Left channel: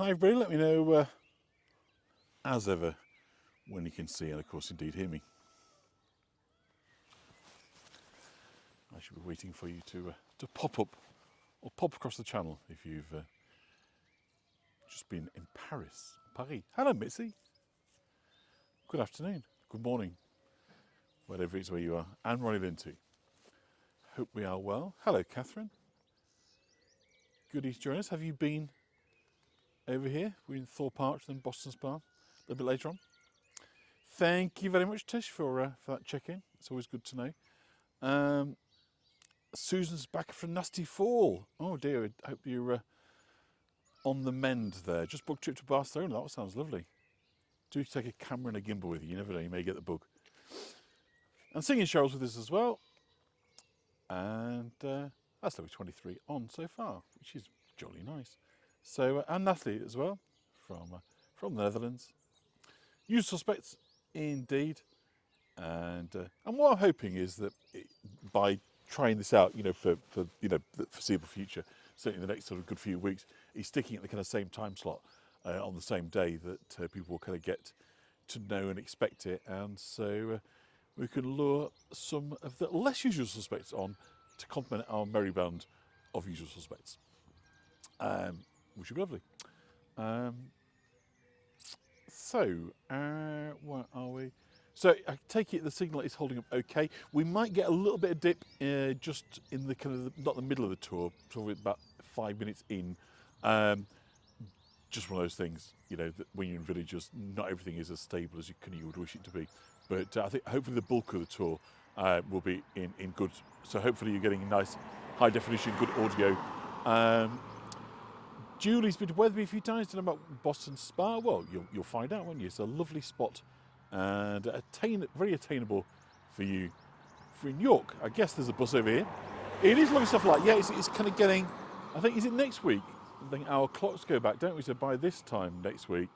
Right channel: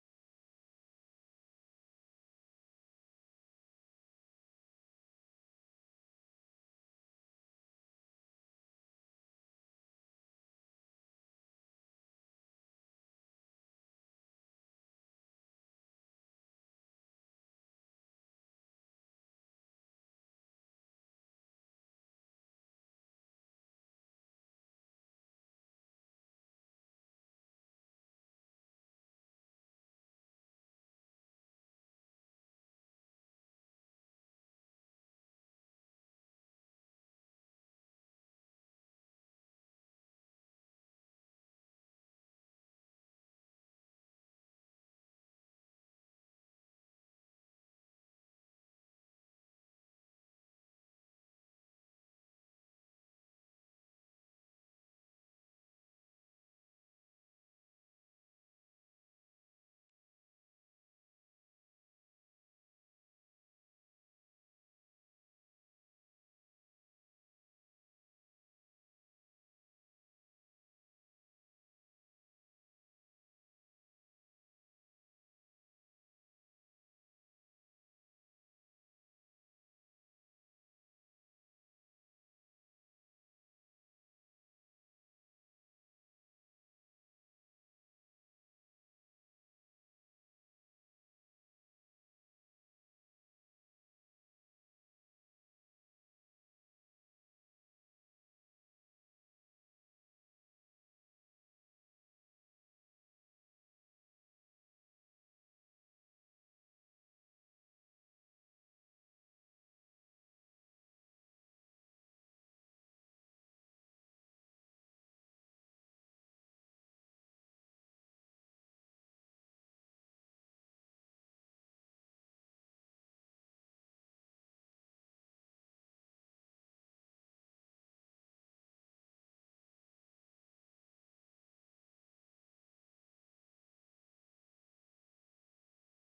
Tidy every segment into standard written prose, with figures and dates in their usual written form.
Hi everybody, let me know as ever when you can see and of course indeed hear me. I should be waiting for you to pop up or pop across the channel if you've just been in Paris. Hello Mitzi. Good afternoon, good morning, whatever it is where you are, and Ronnie Linty. Hope we are well. Hello Catherine. Goodies to join us. Have you been over here? We're in Thorpe Arch, then Boston Spa, a little bit later on. Thank you very much, Tish, for that check-in. It's always good to know. Susan's back from nasty fall. Oh dear, I hope you're on the mend there. Just booked a trip to Barcelona. That sounds lovely. Do take a camera and a gimbal with you. You never know, you may get the bug. And singing Cheryl's with us as well. And that's level 23 on so far, which is jolly nice. So, and Natalie as well, from the Netherlands. Usual suspects, indeed. And what I'm hoping is that by trying this out, for the foreseeable future, certainly the next sort of good few weeks, is sticking at the kind of same time slot on the same day that people will kind of get to know and expect it, and so we can lure some of the less usual suspects on to complement our merry band of usual suspects, which would be lovely. Where are we? So I take it the signal is holding up okay. We might get a little bit of dip just in the kind of not the middle of the tour, probably about 5 minutes in. Just one of those things, that when you're in villages, not everything is as stable as you would wish it to be. But I think hopefully the bulk of the tour will be in good. So hopefully you're getting nice, high definition, good audio. Julie's been to Weatherby a few times. Don't know about Boston Spa. Well, you'll find out, won't you? It's a lovely spot and very attainable for you. For in York, I guess there's a bus over here. It is lovely stuff like it's kind of getting. I think is it next week? I think our clocks go back, don't we? So by this time next week,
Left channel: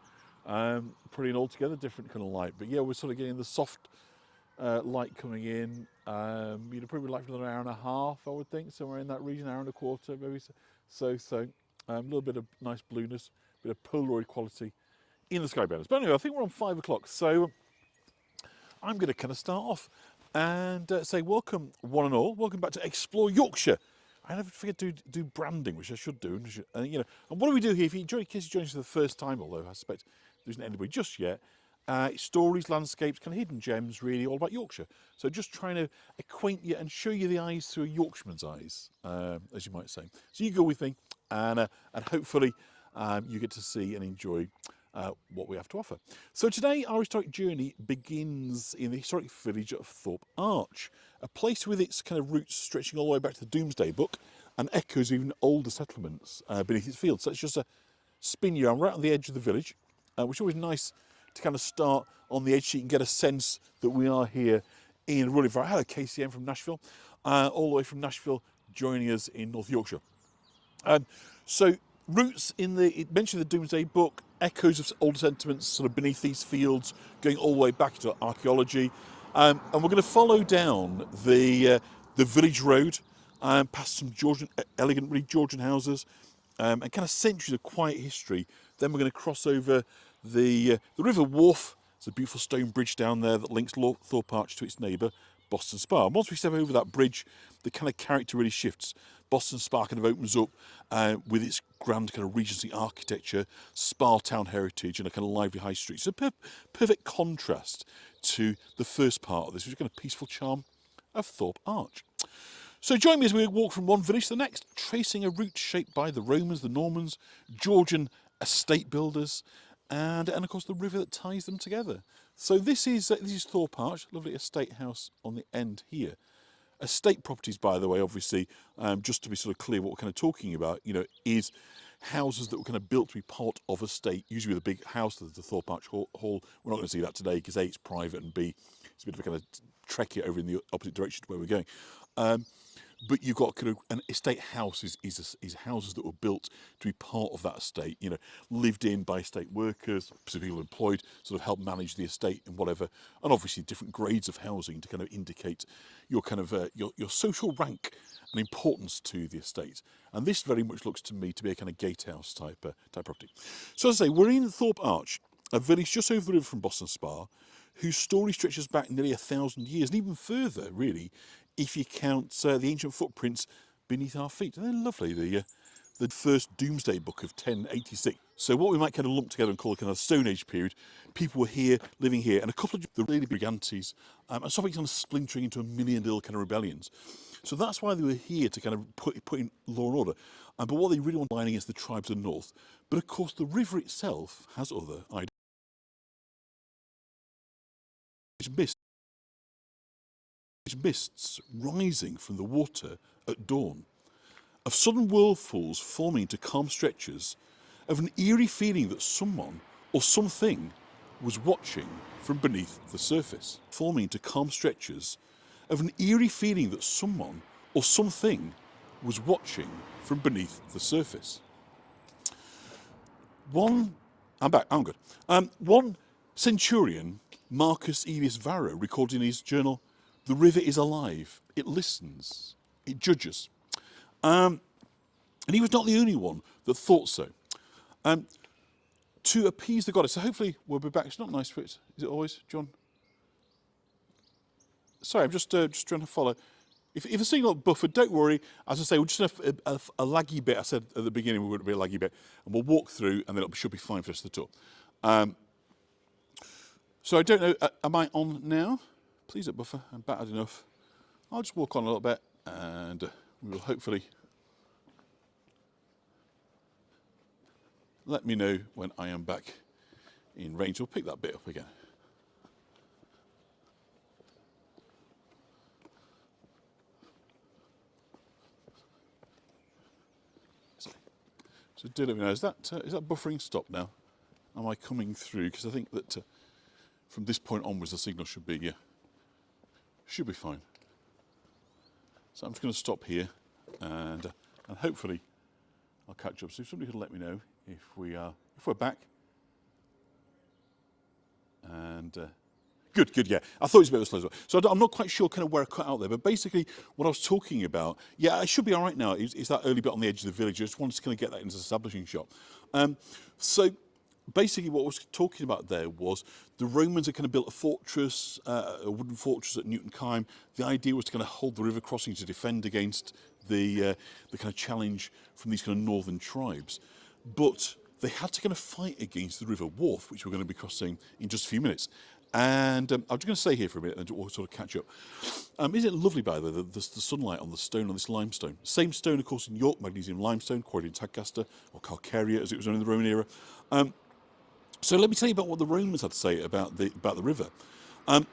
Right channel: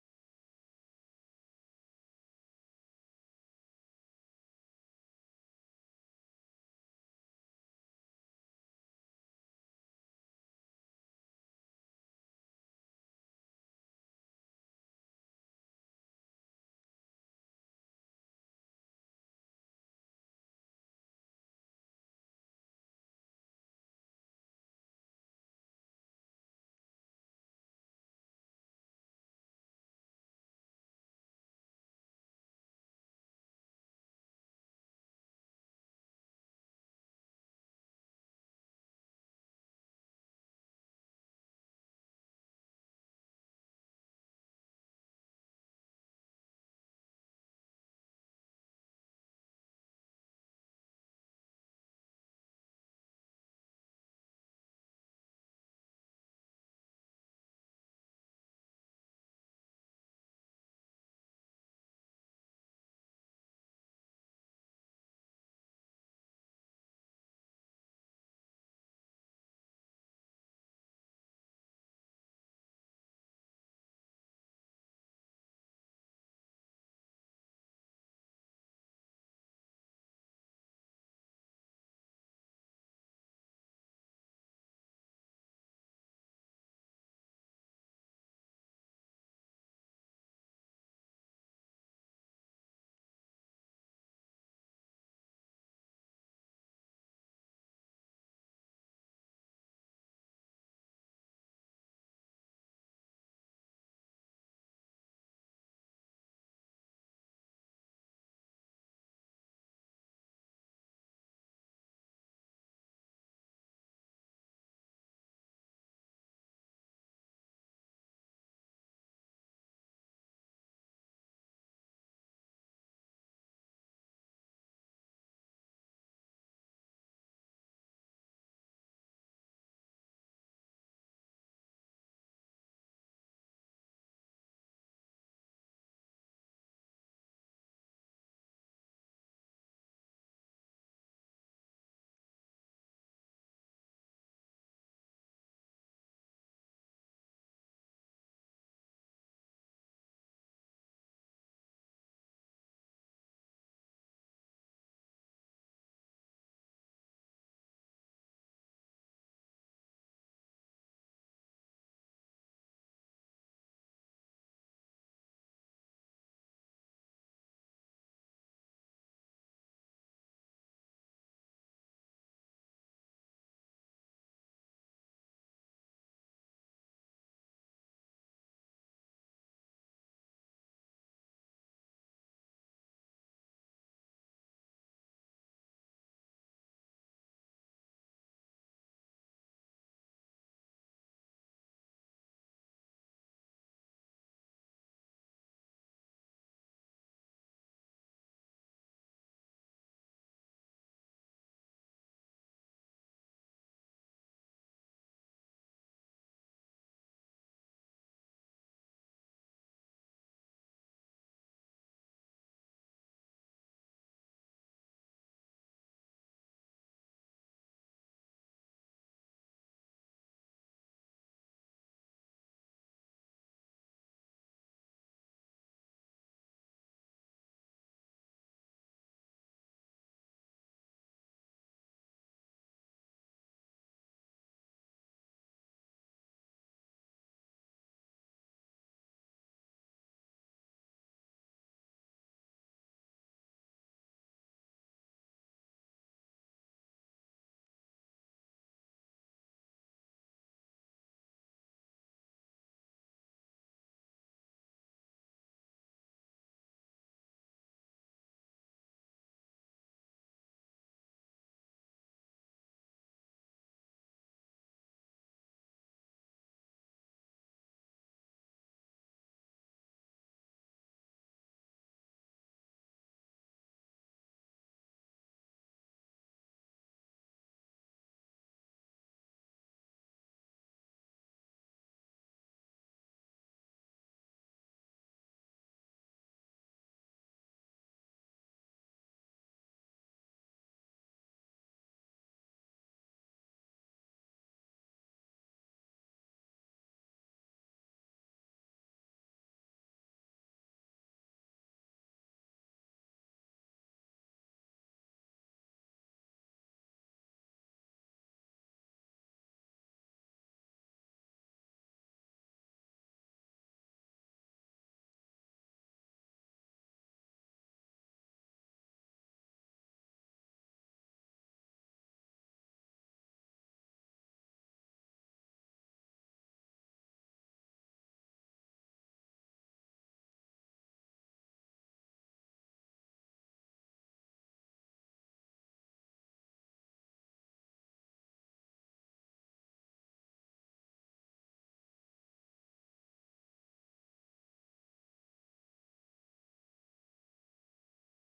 pretty an altogether different kind of light. But yeah, we're sort of getting the soft light coming in. Probably like for another hour and a half, I would think, somewhere in that region, hour and a quarter, maybe. So. A little bit of nice blueness, bit of Polaroid quality in the sky banners. But anyway, I think we're on 5 o'clock, so I'm going to kind of start off and say welcome, one and all. Welcome back to Explore Yorkshire. I never forget to do branding, which I should do. And what do we do here? In case you join us for the first time, although I suspect there isn't anybody just yet, stories, landscapes, kind of hidden gems, really all about Yorkshire. So just trying to acquaint you and show you the eyes through a Yorkshireman's eyes, as you might say. So you go with me, and hopefully you get to see and enjoy what we have to offer. So today our historic journey begins in the historic village of Thorpe Arch, a place with its kind of roots stretching all the way back to the Domesday Book and echoes of even older settlements beneath its fields. So it's just a spin you around right on the edge of the village, which is always nice to kind of start on the edge so you can get a sense that we are here in a rural environment. Hello KCM from Nashville, all the way from Nashville, joining us in North Yorkshire. So roots it mentioned the Domesday Book, echoes of older sentiments sort of beneath these fields, going all the way back to archaeology. And we're going to follow down the village road, past some elegant, really Georgian houses, and kind of centuries of quiet history. Then we're going to cross over the River Wharfe. There's a beautiful stone bridge down there that links Thorpe Arch to its neighbour, Boston Spa. And once we step over that bridge, the kind of character really shifts. Boston Spa kind of opens up with its grand kind of Regency architecture, Spa town heritage, and a kind of lively high street. So perfect contrast to the first part of this, which is kind of peaceful charm of Thorpe Arch. So join me as we walk from one village to the next, tracing a route shaped by the Romans, the Normans, Georgian estate builders, and of course the river that ties them together. So this is Thorpe Arch, lovely estate house on the end here. Estate properties, by the way, obviously, just to be sort of clear what we're kind of talking about, is houses that were kind of built to be part of a estate, usually with a big house, the Thorpe Arch Hall. We're not going to see that today because A, it's private, and B, it's a bit of a kind of trek it over in the opposite direction to where we're going. but you've got kind of an estate house is houses that were built to be part of that estate, you know, lived in by estate workers, people employed, sort of help manage the estate and whatever, and obviously different grades of housing to kind of indicate your kind of your social rank and importance to the estate. And this very much looks to me to be a kind of gatehouse type property. So as I say, we're in Thorpe Arch, a village just over the river from Boston Spa, whose story stretches back nearly 1,000 years, and even further, really, if you count the ancient footprints beneath our feet. And they're lovely, the first Doomsday Book of 1086. So what we might kind of lump together and call a kind of Stone Age period, people were here, living here, and a couple of the really brigantes, and something kind of splintering into a million little kind of rebellions. So that's why they were here, to kind of put in law and order. But what they really want to line against the tribes of the north. But of course, the river itself has other ideas. Mists rising from the water at dawn, of sudden whirlpools forming into calm stretches, of an eerie feeling that someone or something was watching from beneath the surface. Forming into calm stretches, of an eerie feeling that someone or something was watching from beneath the surface. I'm back, I'm good. One centurion, Marcus Aelius Varro, recorded in his journal, "The river is alive, it listens, it judges." And he was not the only one that thought so. To appease the goddess, so hopefully we'll be back. It's not nice for it, is it always, John? Sorry, I'm just trying to follow. If the signal buffered, don't worry. As I say, we'll just have a laggy bit. I said at the beginning we would be a laggy bit, and we'll walk through, and then it should be fine for us to talk. So I don't know. Am I on now? Please don't buffer. I'm battered enough. I'll just walk on a little bit, and we will hopefully. Let me know when I am back in range. We'll pick that bit up again. So do let me know, is that buffering stopped now? Am I coming through? Because I think that from this point onwards the signal should be fine. So I'm just going to stop here, and hopefully I'll catch up. So if somebody could let me know if we're back. And good, yeah. I thought it was a bit of a slow as well. So I'm not quite sure kind of where I cut out there, but basically what I was talking about, yeah, I should be all right now, is that early bit on the edge of the village. I just wanted to kind of get that into the establishing shot. So basically what I was talking about there was the Romans had kind of built a fortress, a wooden fortress at Newton Kime. The idea was to kind of hold the river crossing to defend against the kind of challenge from these kind of northern tribes. But they had to kind of fight against the River Wharfe, which we're going to be crossing in just a few minutes. And I'm just going to stay here for a minute and we'll sort of catch up. Isn't it lovely, by the way, the sunlight on the stone, on this limestone? Same stone, of course, in York, magnesium limestone, quarried in Tadcaster, or Calcarea, as it was known in the Roman era. So let me tell you about what the Romans had to say about the river.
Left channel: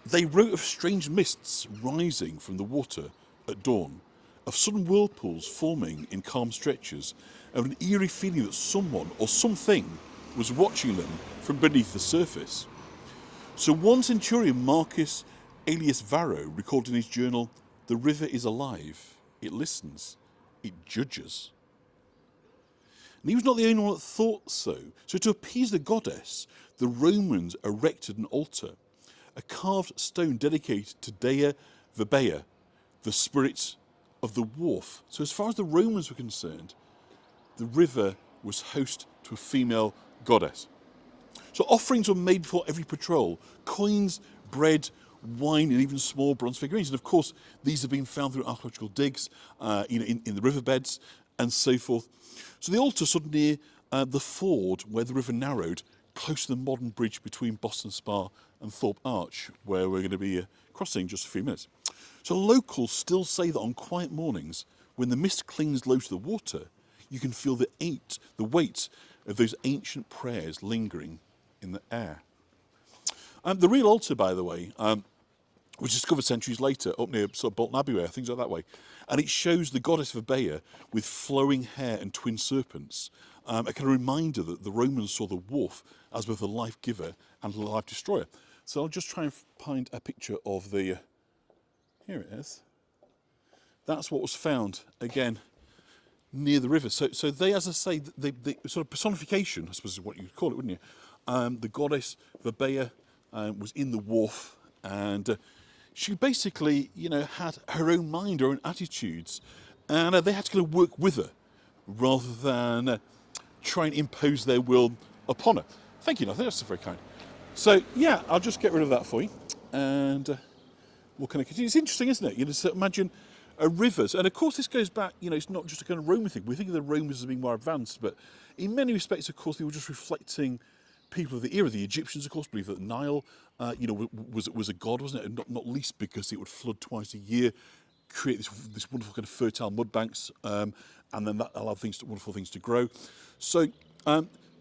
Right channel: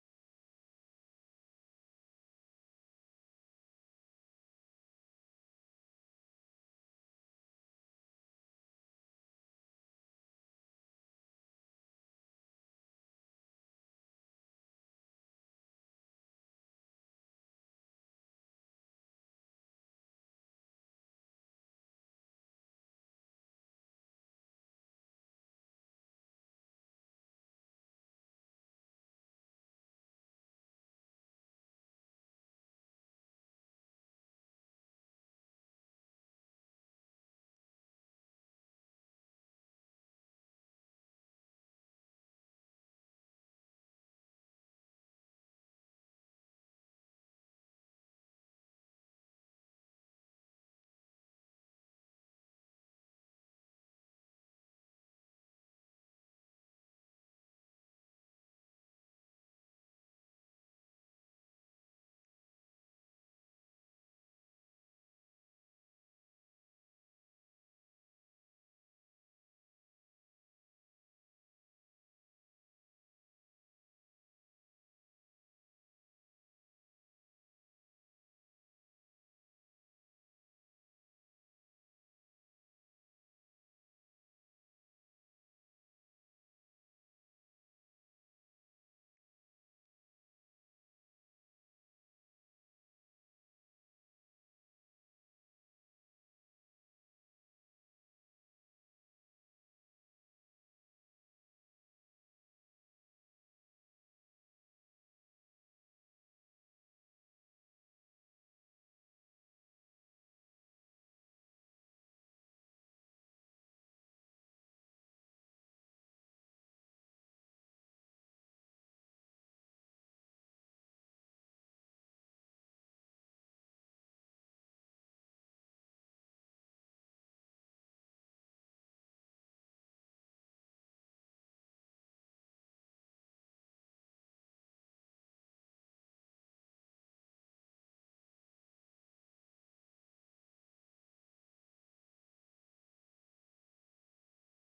They wrote of strange mists rising from the water at dawn, of sudden whirlpools forming in calm stretches, of an eerie feeling that someone or something was watching them from beneath the surface. So one centurion, Marcus Aelius Varro, recorded in his journal, "The river is alive, it listens, it judges." And he was not the only one that thought so. So to appease the goddess, the Romans erected an altar, a carved stone dedicated to Dea Verbea, the spirit of the wharf. So as far as the Romans were concerned, the river was host to a female goddess. So offerings were made before every patrol: coins, bread, wine, and even small bronze figurines. And of course, these have been found through archaeological digs, in the riverbeds and so forth. So the altar stood near the ford where the river narrowed, close to the modern bridge between Boston Spa and Thorpe Arch, where we're going to be crossing in just a few minutes. So locals still say that on quiet mornings, when the mist clings low to the water, you can feel the weight of those ancient prayers lingering in the air. The real altar, by the way, was discovered centuries later up near sort of Bolton Abbey way, things like that way. And it shows the goddess Verbea with flowing hair and twin serpents, a kind of reminder that the Romans saw the wharf as both a life giver and a life destroyer. So I'll just try and find a picture of the, here it is. that's what was found again near the river. So they, as I say, the sort of personification, I suppose is what you'd call it, wouldn't you? The goddess Verbea was in the wharf, and she basically, had her own mind, her own attitudes, and they had to kind of work with her rather than try and impose their will upon her. Thank you, I think that's very kind. So yeah, I'll just get rid of that for you, and we'll kind of continue. It's interesting, isn't it? So imagine rivers, and of course this goes back, it's not just a kind of Roman thing. We think of the Romans as being more advanced, but in many respects, of course, they were just reflecting people of the era. The Egyptians, of course, believed that the Nile, was a god, wasn't it? And not least because it would flood twice a year, create this wonderful kind of fertile mud banks, and then that allowed wonderful things to grow. So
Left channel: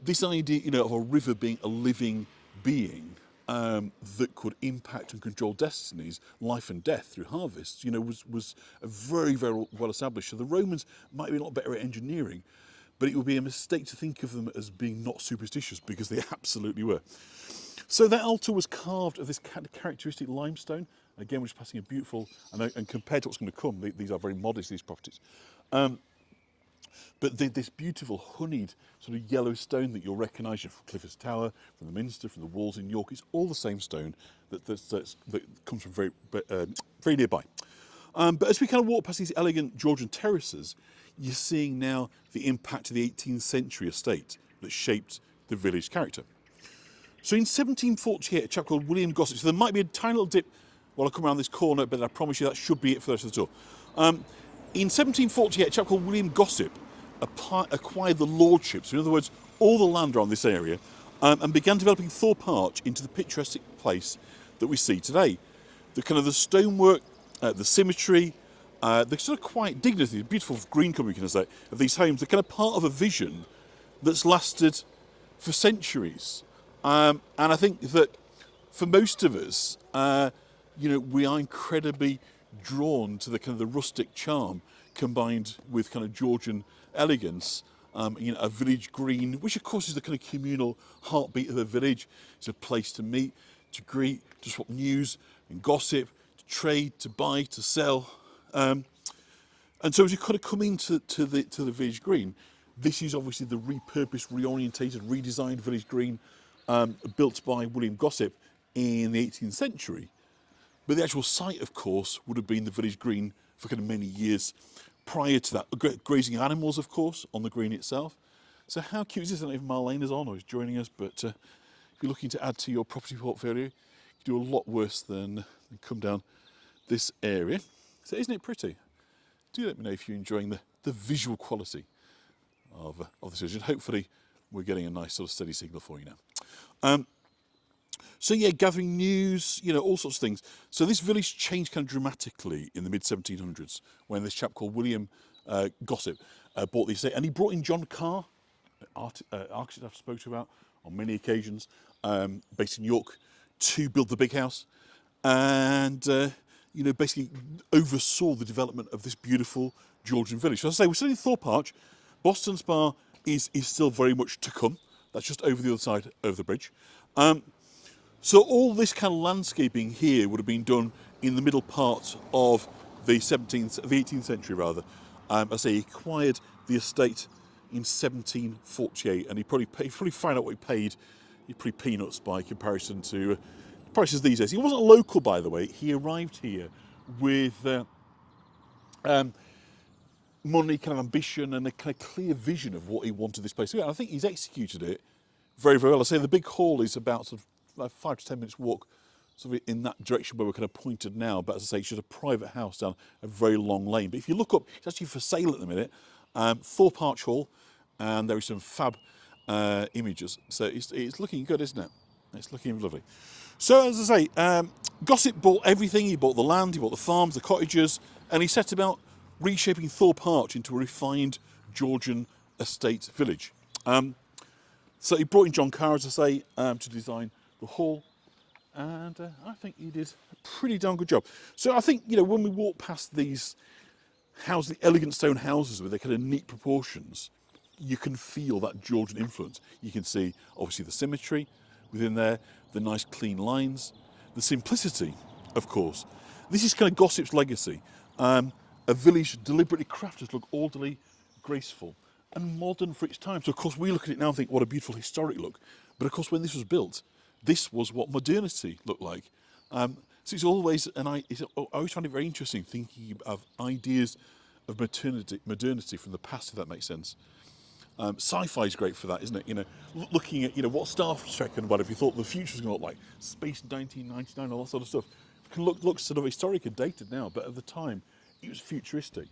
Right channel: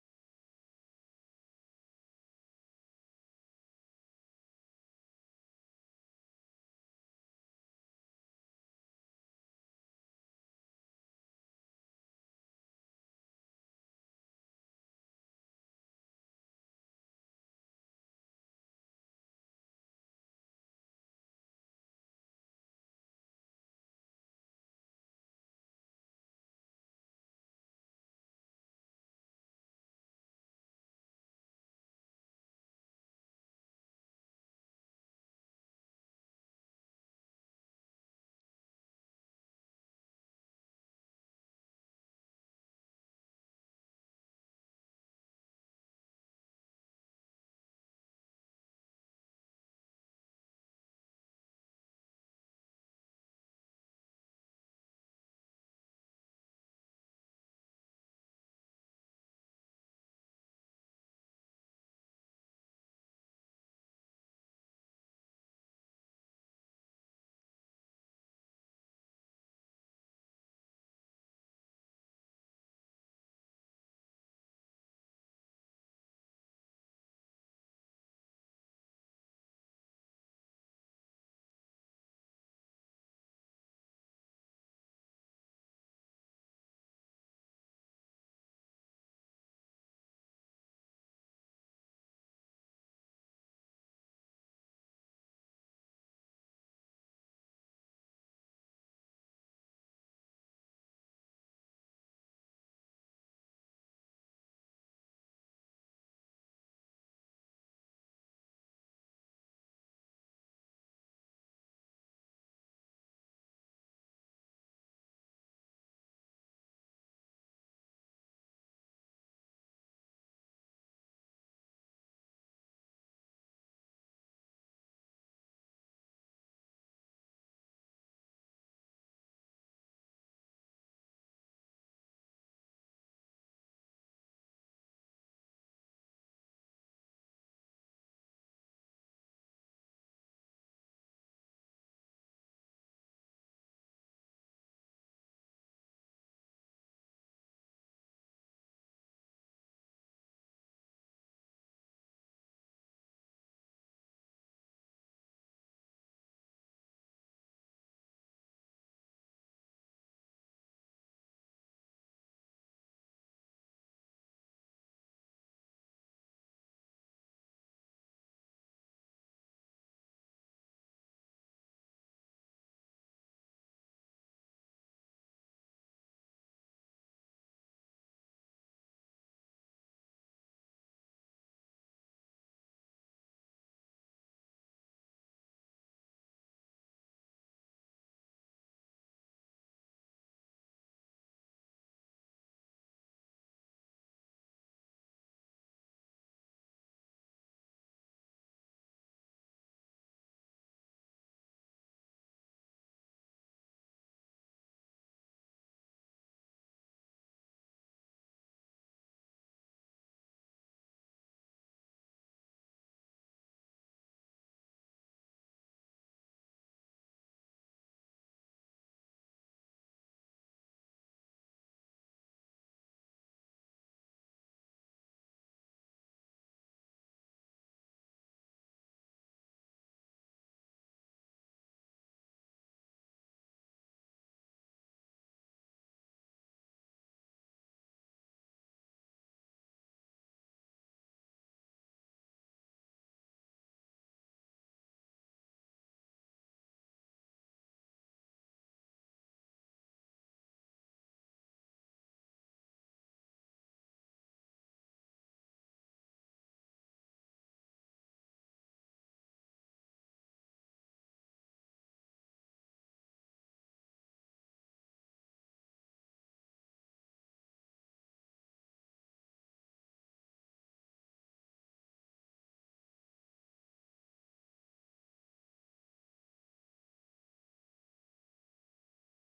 this idea, of a river being a living being that could impact and control destinies, life and death through harvests, was a very, very well established. So the Romans might be a lot better at engineering, but it would be a mistake to think of them as being not superstitious, because they absolutely were. So that altar was carved of this characteristic limestone. Again, we're just passing a beautiful, and compared to what's going to come, these are very modest, these properties. But this beautiful honeyed sort of yellow stone that you'll recognise from Clifford's Tower, from the Minster, from the walls in York, it's all the same stone that comes from very nearby. But as we kind of walk past these elegant Georgian terraces, you're seeing now the impact of the 18th century estate that shaped the village character. So in 1748, a chap called William Gossip, so there might be a tiny little dip while I come around this corner, but I promise you that should be it for the rest of the tour. In 1748, a chap called William Gossip acquired the lordships, in other words, all the land around this area, and began developing Thorpe Arch into the picturesque place that we see today. The stonework, the symmetry, the sort of quiet dignity, the beautiful green colour, can I say, of these homes, they're kind of part of a vision that's lasted for centuries. And I think that for most of us, we are incredibly drawn to the kind of the rustic charm combined with kind of Georgian elegance. A village green, which of course is the kind of communal heartbeat of a village. It's a place to meet, to greet, to swap news and gossip, to trade, to buy, to sell. And so as you kind of come into the village green, this is obviously the repurposed, reorientated, redesigned village green built by William Gossip in the 18th century. But the actual site, of course, would have been the village green for kind of many years prior to that. Grazing animals, of course, on the green itself. So how cute is this? I don't know if Marlene is on or is joining us, but if you're looking to add to your property portfolio, you do a lot worse than come down this area. So isn't it pretty? Do let me know if you're enjoying the visual quality of this vision. Hopefully we're getting a nice sort of steady signal for you now. So yeah, gathering news, all sorts of things. So this village changed kind of dramatically in the mid-1700s when this chap called William Gossip bought the estate. And he brought in John Carr, architect I've spoken to about on many occasions, based in York, to build the big house. And, basically oversaw the development of this beautiful Georgian village. So as I say, we're still in Thorpe Arch. Boston Spa is still very much to come. That's just over the other side of the bridge. So all this kind of landscaping here would have been done in the middle part of the 18th century rather. As I say, he acquired the estate in 1748, and he probably found out what he paid. He pretty peanuts by comparison to prices these days. He wasn't a local, by the way. He arrived here with money, kind of ambition, and a kind of clear vision of what he wanted this place to be. And I think he's executed it very, very well. I say the big hall is about sort of like 5 to 10 minutes walk sort of in that direction where we're kind of pointed now, but as I say, it's just a private house down a very long lane. But if you look up, it's actually for sale at the minute, Thorpe Arch Hall, and there are some fab images. So it's looking good, isn't it? It's looking lovely. So as I say, Gossip bought everything. He bought the land, he bought the farms, the cottages, and he set about reshaping Thorpe Arch into a refined Georgian estate village. So he brought in John Carr, as I say, to design the hall, and I think he did a pretty darn good job. So I think, when we walk past these houses, the elegant stone houses with their kind of neat proportions, you can feel that Georgian influence. You can see, obviously, the symmetry within there, the nice clean lines, the simplicity, of course. This is kind of Gossip's legacy. a village deliberately crafted to look orderly, graceful, and modern for its time. So of course we look at it now and think, what a beautiful historic look. But of course when this was built, this was what modernity looked like. So it's always, I always find it very interesting thinking of ideas of modernity from the past, if that makes sense. Sci-fi is great for that, isn't it? You know, looking at what Star Trek and whatever you thought the future was going to look like, space 1999, all that sort of stuff. It can look sort of historic and dated now, but at the time it was futuristic.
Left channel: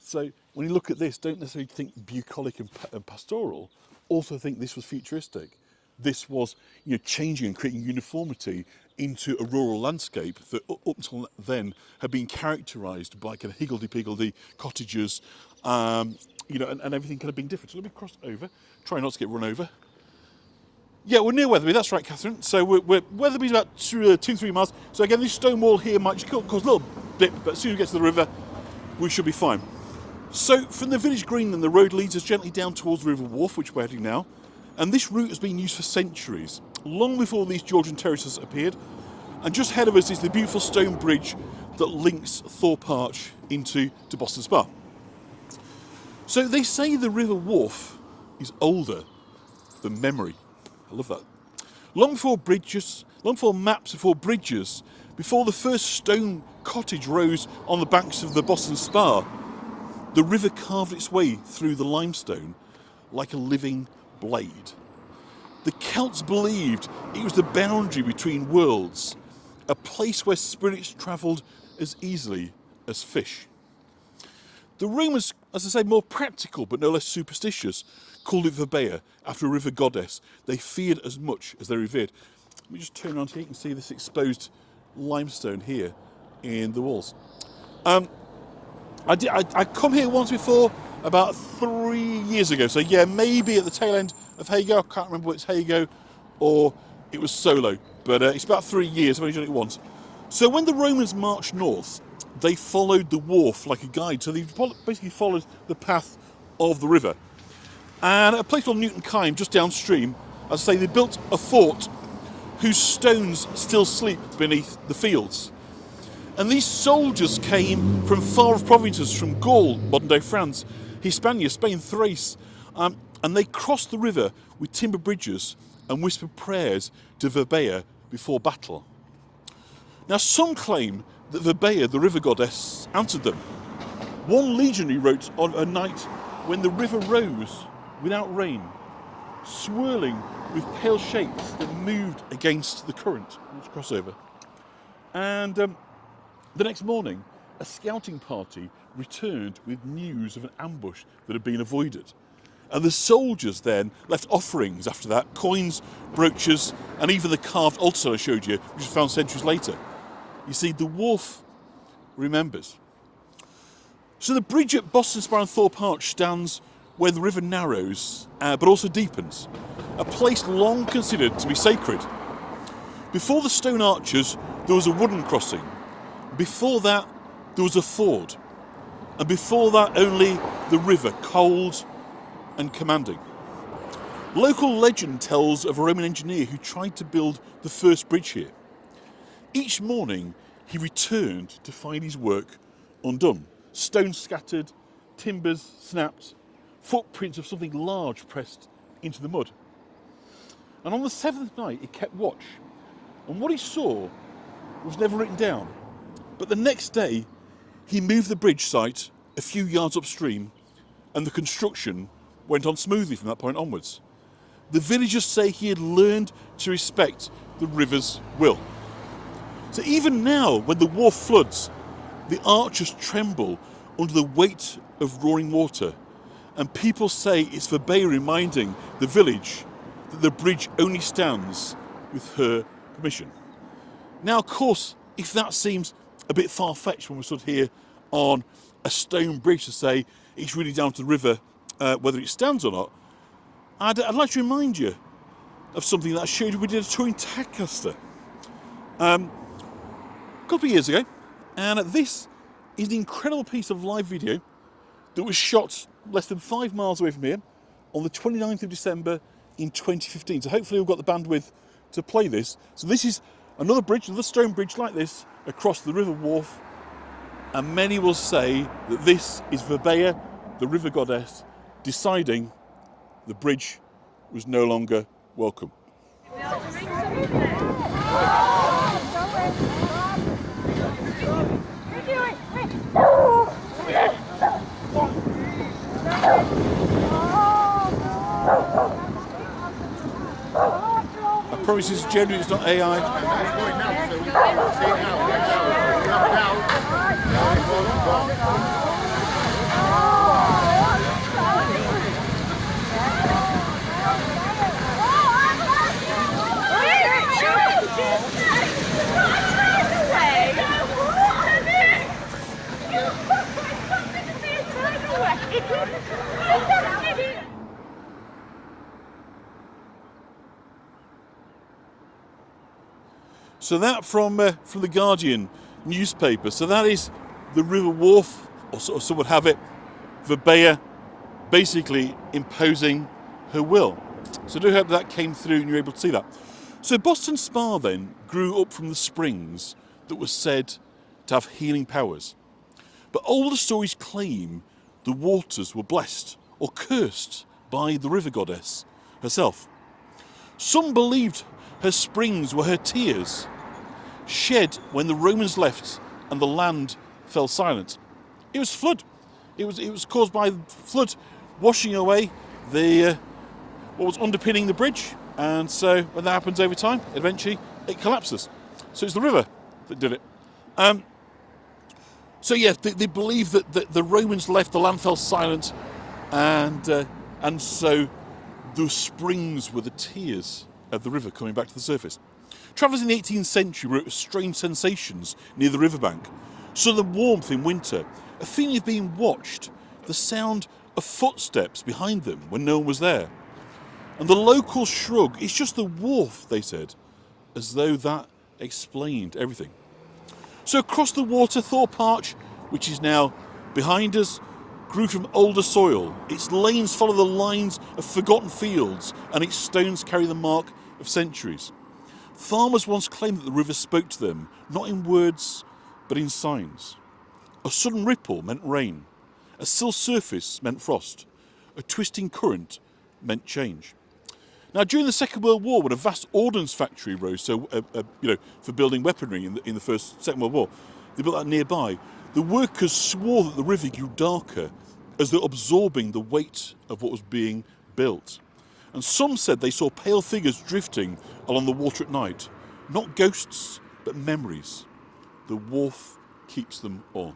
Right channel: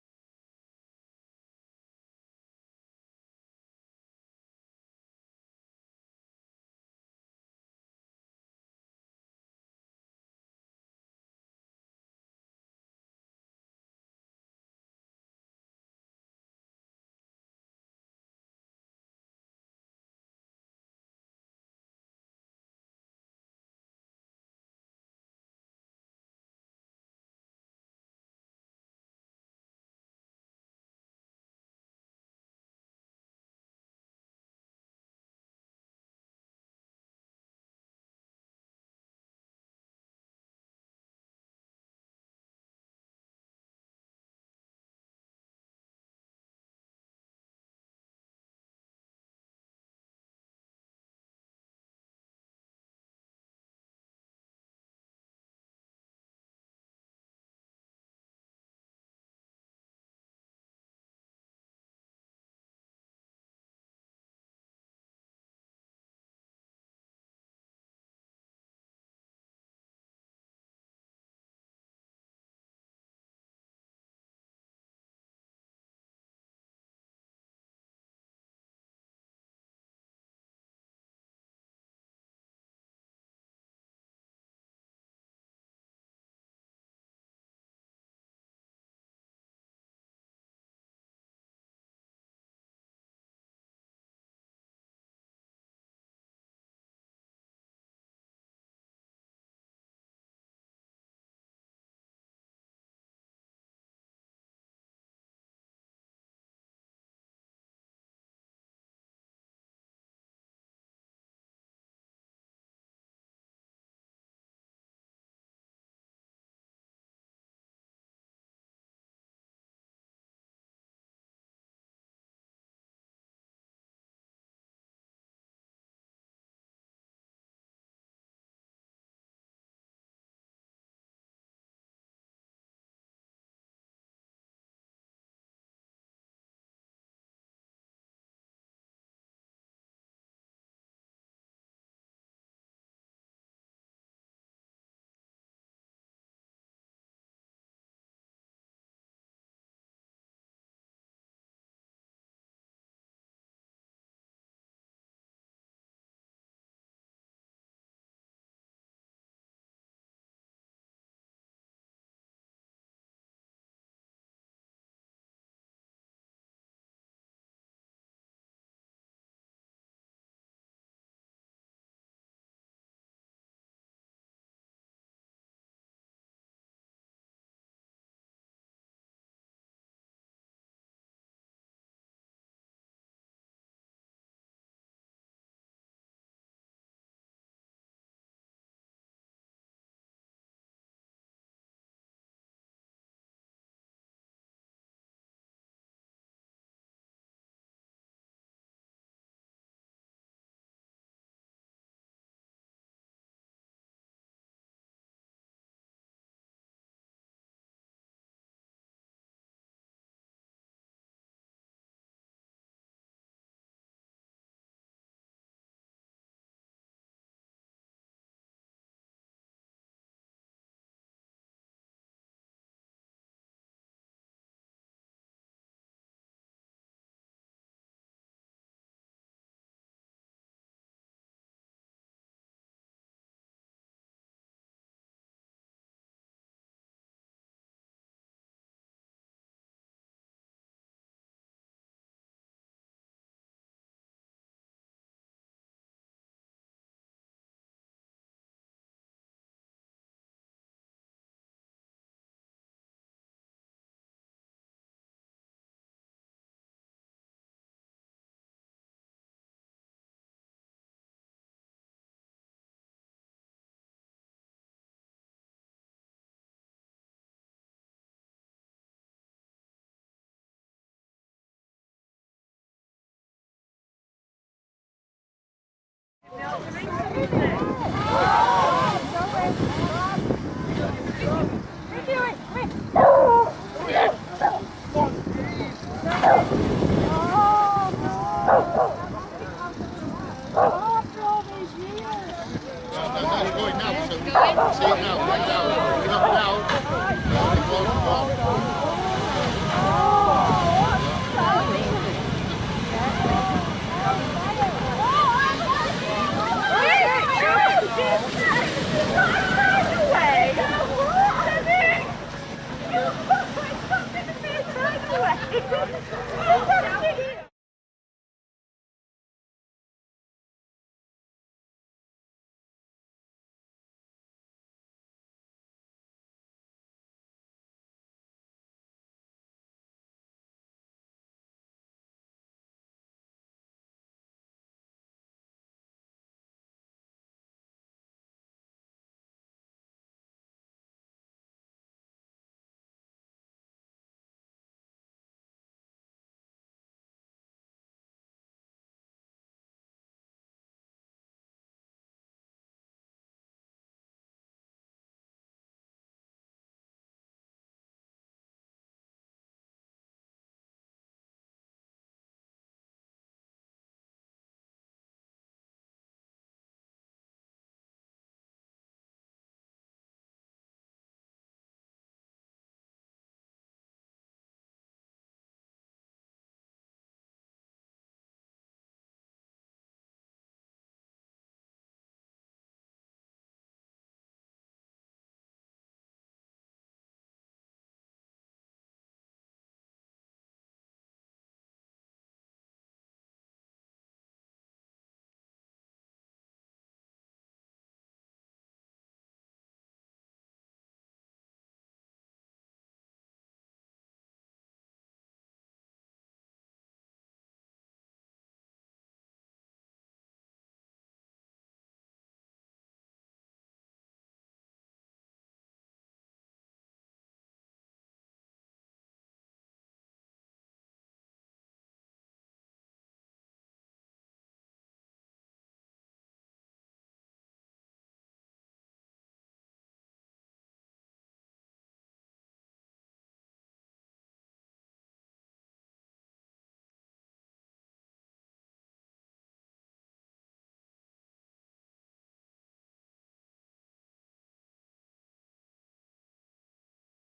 So when you look at this, don't necessarily think bucolic and pastoral. Also think this was futuristic. This was, changing and creating uniformity into a rural landscape that up until then had been characterised by kind of higgledy-piggledy cottages, and everything kind of being different. So let me cross over, try not to get run over. Yeah, we're near Wetherby, that's right, Catherine. So Wetherby's about 2-3 miles. So again, this stone wall here might just cause a little blip, but as soon as we get to the river, we should be fine. So from the village green, then the road leads us gently down towards the River Wharf, which we're heading now. And this route has been used for centuries, long before these Georgian terraces appeared. And just ahead of us is the beautiful stone bridge that links Thorpe Arch into Boston Spa. So they say the River Wharf is older than memory. I love that. Long before maps, before bridges, before the first stone cottage rose on the banks of the Boston Spa, the river carved its way through the limestone like a living blade. The Celts believed it was the boundary between worlds, a place where spirits travelled as easily as fish. The Romans, as I say, more practical but no less superstitious, called it Verbea, after a river goddess they feared as much as they revered. Let me just turn around here, you can see this exposed limestone here in the walls. I come here once before, about 3 years ago. So yeah, maybe at the tail end of Hago. I can't remember whether it's Hago or it was Solo, but it's about 3 years. I've only done it once. So when the Romans marched north, they followed the wharf like a guide. So they basically followed the path of the river. And at a place called Newton Kyme, just downstream, as I say, they built a fort whose stones still sleep beneath the fields. And these soldiers came from far off provinces, from Gaul, modern-day France, Hispania, Spain, Thrace, and they crossed the river with timber bridges and whispered prayers to Verbea before battle. Now, some claim that Verbea, the river goddess, answered them. One legionary wrote on a night when the river rose without rain, swirling with pale shapes that moved against the current. Let's cross over. And the next morning, a scouting party returned with news of an ambush that had been avoided. And the soldiers then left offerings after that, coins, brooches, and even the carved altar I showed you, which was found centuries later. You see, the wharf remembers. So the bridge at Boston Spa and Thorpe Arch stands where the river narrows, but also deepens, a place long considered to be sacred. Before the stone arches, there was a wooden crossing. Before that, there was a ford. And before that, only the river, cold and commanding. Local legend tells of a Roman engineer who tried to build the first bridge here. Each morning, he returned to find his work undone. Stones scattered, timbers snapped, footprints of something large pressed into the mud. And on the seventh night, he kept watch. And what he saw was never written down. But the next day, he moved the bridge site a few yards upstream, and the construction went on smoothly from that point onwards. The villagers say he had learned to respect the river's will. So even now, when the wharf floods, the arches tremble under the weight of roaring water, and people say it's Verbea reminding the village that the bridge only stands with her permission. Now, of course, if that seems a bit far-fetched when we're stood here on a stone bridge to say it's really down to the river whether it stands or not, I'd like to remind you of something that I showed you. We did a tour in Tadcaster a couple of years ago, and this is an incredible piece of live video that was shot less than 5 miles away from here on the 29th of December in 2015. So hopefully we've got the bandwidth to play this. So this is another bridge, another stone bridge like this, across the River Wharf. And many will say that this is Verbea, the river goddess, deciding the bridge was no longer welcome. I promise it's genuine, it's not AI. So that from the Guardian newspaper. So that is the River Wharf, or some would have it, Verbea basically imposing her will. So I do hope that came through and you're able to see that. So Boston Spa then grew up from the springs that were said to have healing powers. But older stories claim the waters were blessed or cursed by the river goddess herself. Some believed her springs were her tears, shed when the Romans left and the land fell silent. It was flood. It was caused by flood washing away the what was underpinning the bridge, and so when that happens over time, eventually it collapses. So it's the river that did it. So yeah, they believe that the Romans left, the land fell silent, and so the springs were the tears of the river coming back to the surface. Travellers in the 18th century wrote of strange sensations near the riverbank. Southern warmth in winter, a feeling of being watched, the sound of footsteps behind them when no one was there. And the locals shrug, it's just the wharf, they said, as though that explained everything. So across the water, Thorpe Arch, which is now behind us, grew from older soil. Its lanes follow the lines of forgotten fields, and its stones carry the mark of centuries. Farmers once claimed that the river spoke to them, not in words, but in signs. A sudden ripple meant rain. A still surface meant frost. A twisting current meant change. Now, during the Second World War, when a vast ordnance factory rose, for building weaponry in the Second World War, they built that nearby. The workers swore that the river grew darker, as though absorbing the weight of what was being built. And some said they saw pale figures drifting along the water at night. Not ghosts, but memories. The wharf keeps them on.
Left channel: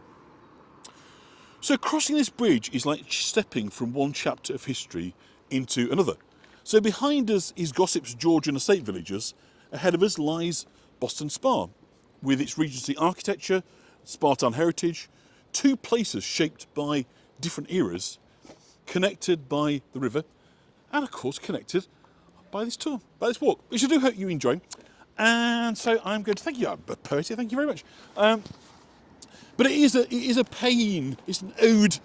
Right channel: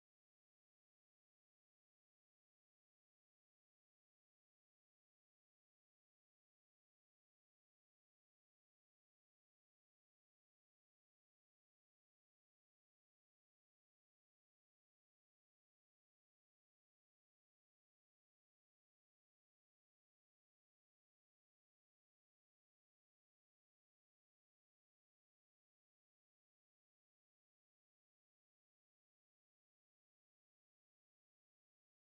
So crossing this bridge is like stepping from one chapter of history into another. So behind us is Gossip's Georgian estate villages. Ahead of us lies Boston Spa, with its Regency architecture, Spartan heritage, two places shaped by different eras, connected by the river, and of course connected by this tour, by this walk, which I do hope you enjoy. And so I'm going to thank you, Percy, thank you very much. But it is a pain, it's an ode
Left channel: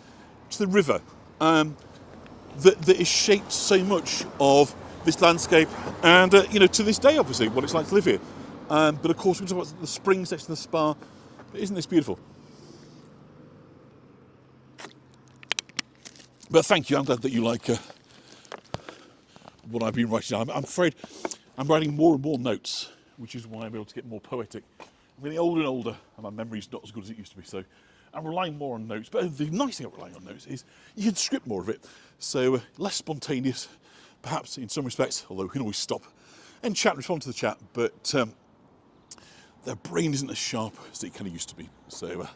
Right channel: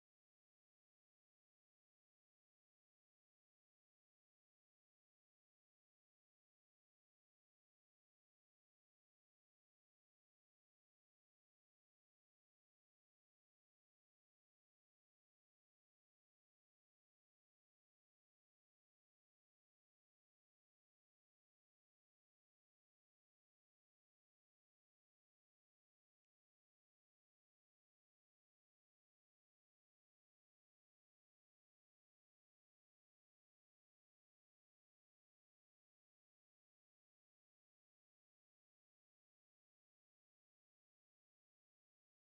to the river that is shaped so much of this landscape, and to this day, obviously, what it's like to live here. But of course, we talk about the springs next to the spa. But isn't this beautiful? But thank you. I'm glad that you like what I've been writing down. I'm afraid I'm writing more and more notes, which is why I'm able to get more poetic. I'm getting older and older, and my memory's not as good as it used to be. So I'm relying more on notes. But the nice thing about relying on notes is you can script more of it. So less spontaneous, perhaps in some respects, although we can always stop and chat, respond to the chat. But their brain isn't as sharp as it kind of used to be. So,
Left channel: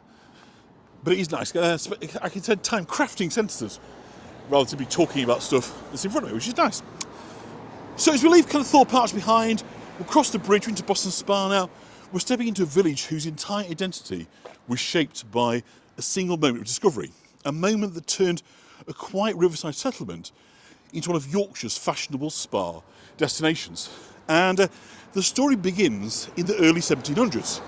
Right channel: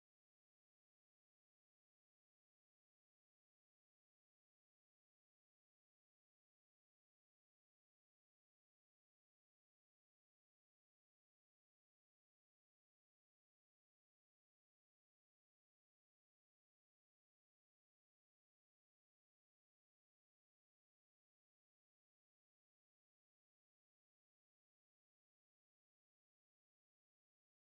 but it is nice. I can spend time crafting sentences rather than be talking about stuff that's in front of me, which is nice. So as we leave kind of Thorpe Arch behind, we'll cross the bridge into Boston Spa now. We're stepping into a village whose entire identity was shaped by a single moment of discovery, a moment that turned a quiet riverside settlement into one of Yorkshire's fashionable spa destinations. And the story begins in the early 1700s,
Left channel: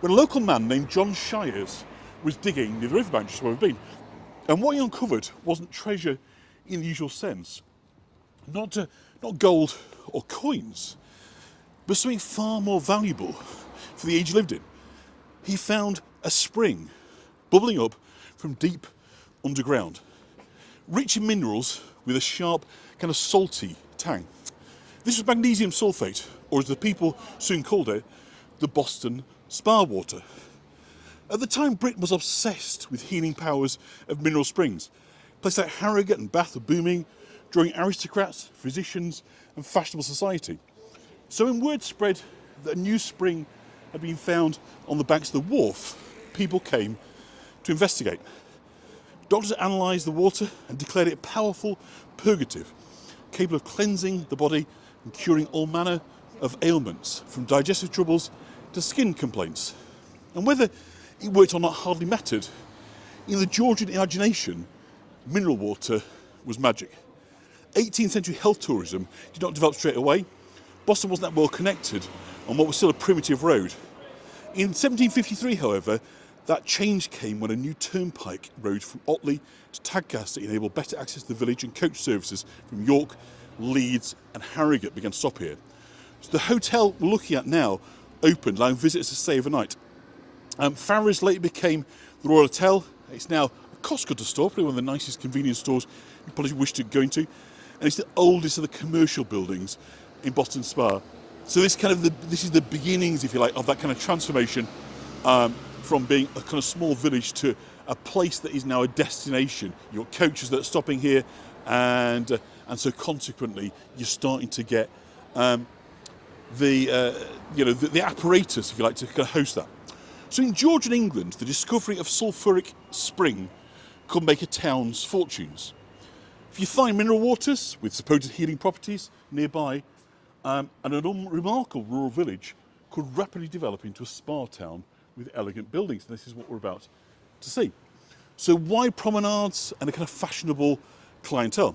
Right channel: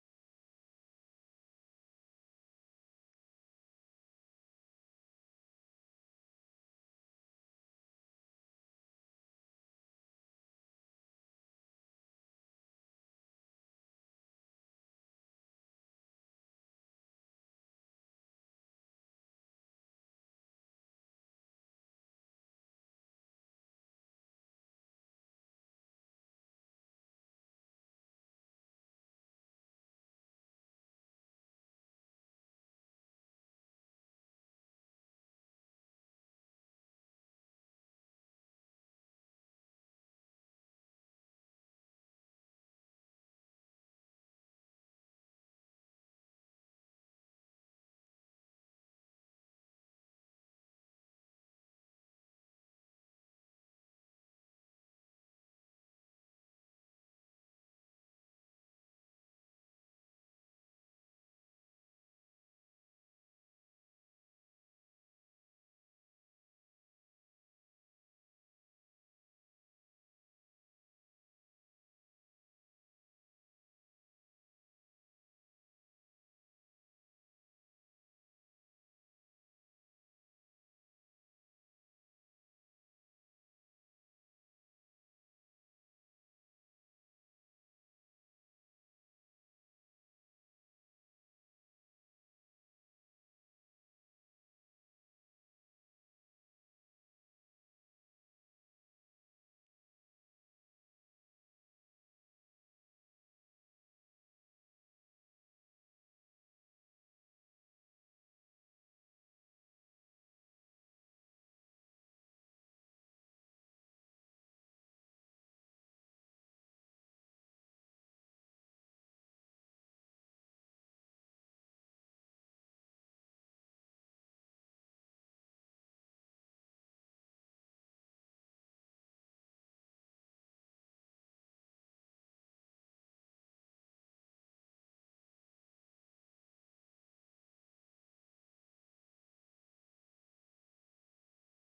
when a local man named John Shires was digging near the riverbank, just where we've been. And what he uncovered wasn't treasure in the usual sense, not gold or coins, but something far more valuable for the age he lived in. He found a spring bubbling up from deep underground, rich in minerals with a sharp, kind of salty tang. This was magnesium sulfate, or as the people soon called it, the Boston Spa water. At the time, Britain was obsessed with healing powers of mineral springs. Places like Harrogate and Bath were booming, drawing aristocrats, physicians, and fashionable society. So when word spread that a new spring had been found on the banks of the Wharfe, people came to investigate. Doctors analysed the water and declared it a powerful purgative, capable of cleansing the body and curing all manner of ailments, from digestive troubles to skin complaints. And whether it worked or not hardly mattered. In the Georgian imagination, mineral water was magic. 18th century health tourism did not develop straight away. Boston wasn't that well connected on what was still a primitive road. In 1753, however, that change came when a new turnpike road from Otley to Tadcaster enabled better access to the village, and coach services from York, Leeds and Harrogate began to stop here. So the hotel we're looking at now opened, allowing visitors to stay overnight. Farrer's later became the Royal Hotel. It's now a Costco store, probably one of the nicest convenience stores you probably wish to go into. And it's the oldest of the commercial buildings in Boston Spa. So this is the beginnings, if you like, of that kind of transformation from being a kind of small village to a place that is now a destination. You've got coaches that are stopping here, and so consequently you're starting to get the apparatus, if you like, to kind of host that. So in Georgian England, the discovery of sulphuric spring could make a town's fortunes. If you find mineral waters with supposed healing properties nearby, and a remarkable rural village could rapidly develop into a spa town with elegant buildings. And this is what we're about to see. So wide promenades and a kind of fashionable clientele.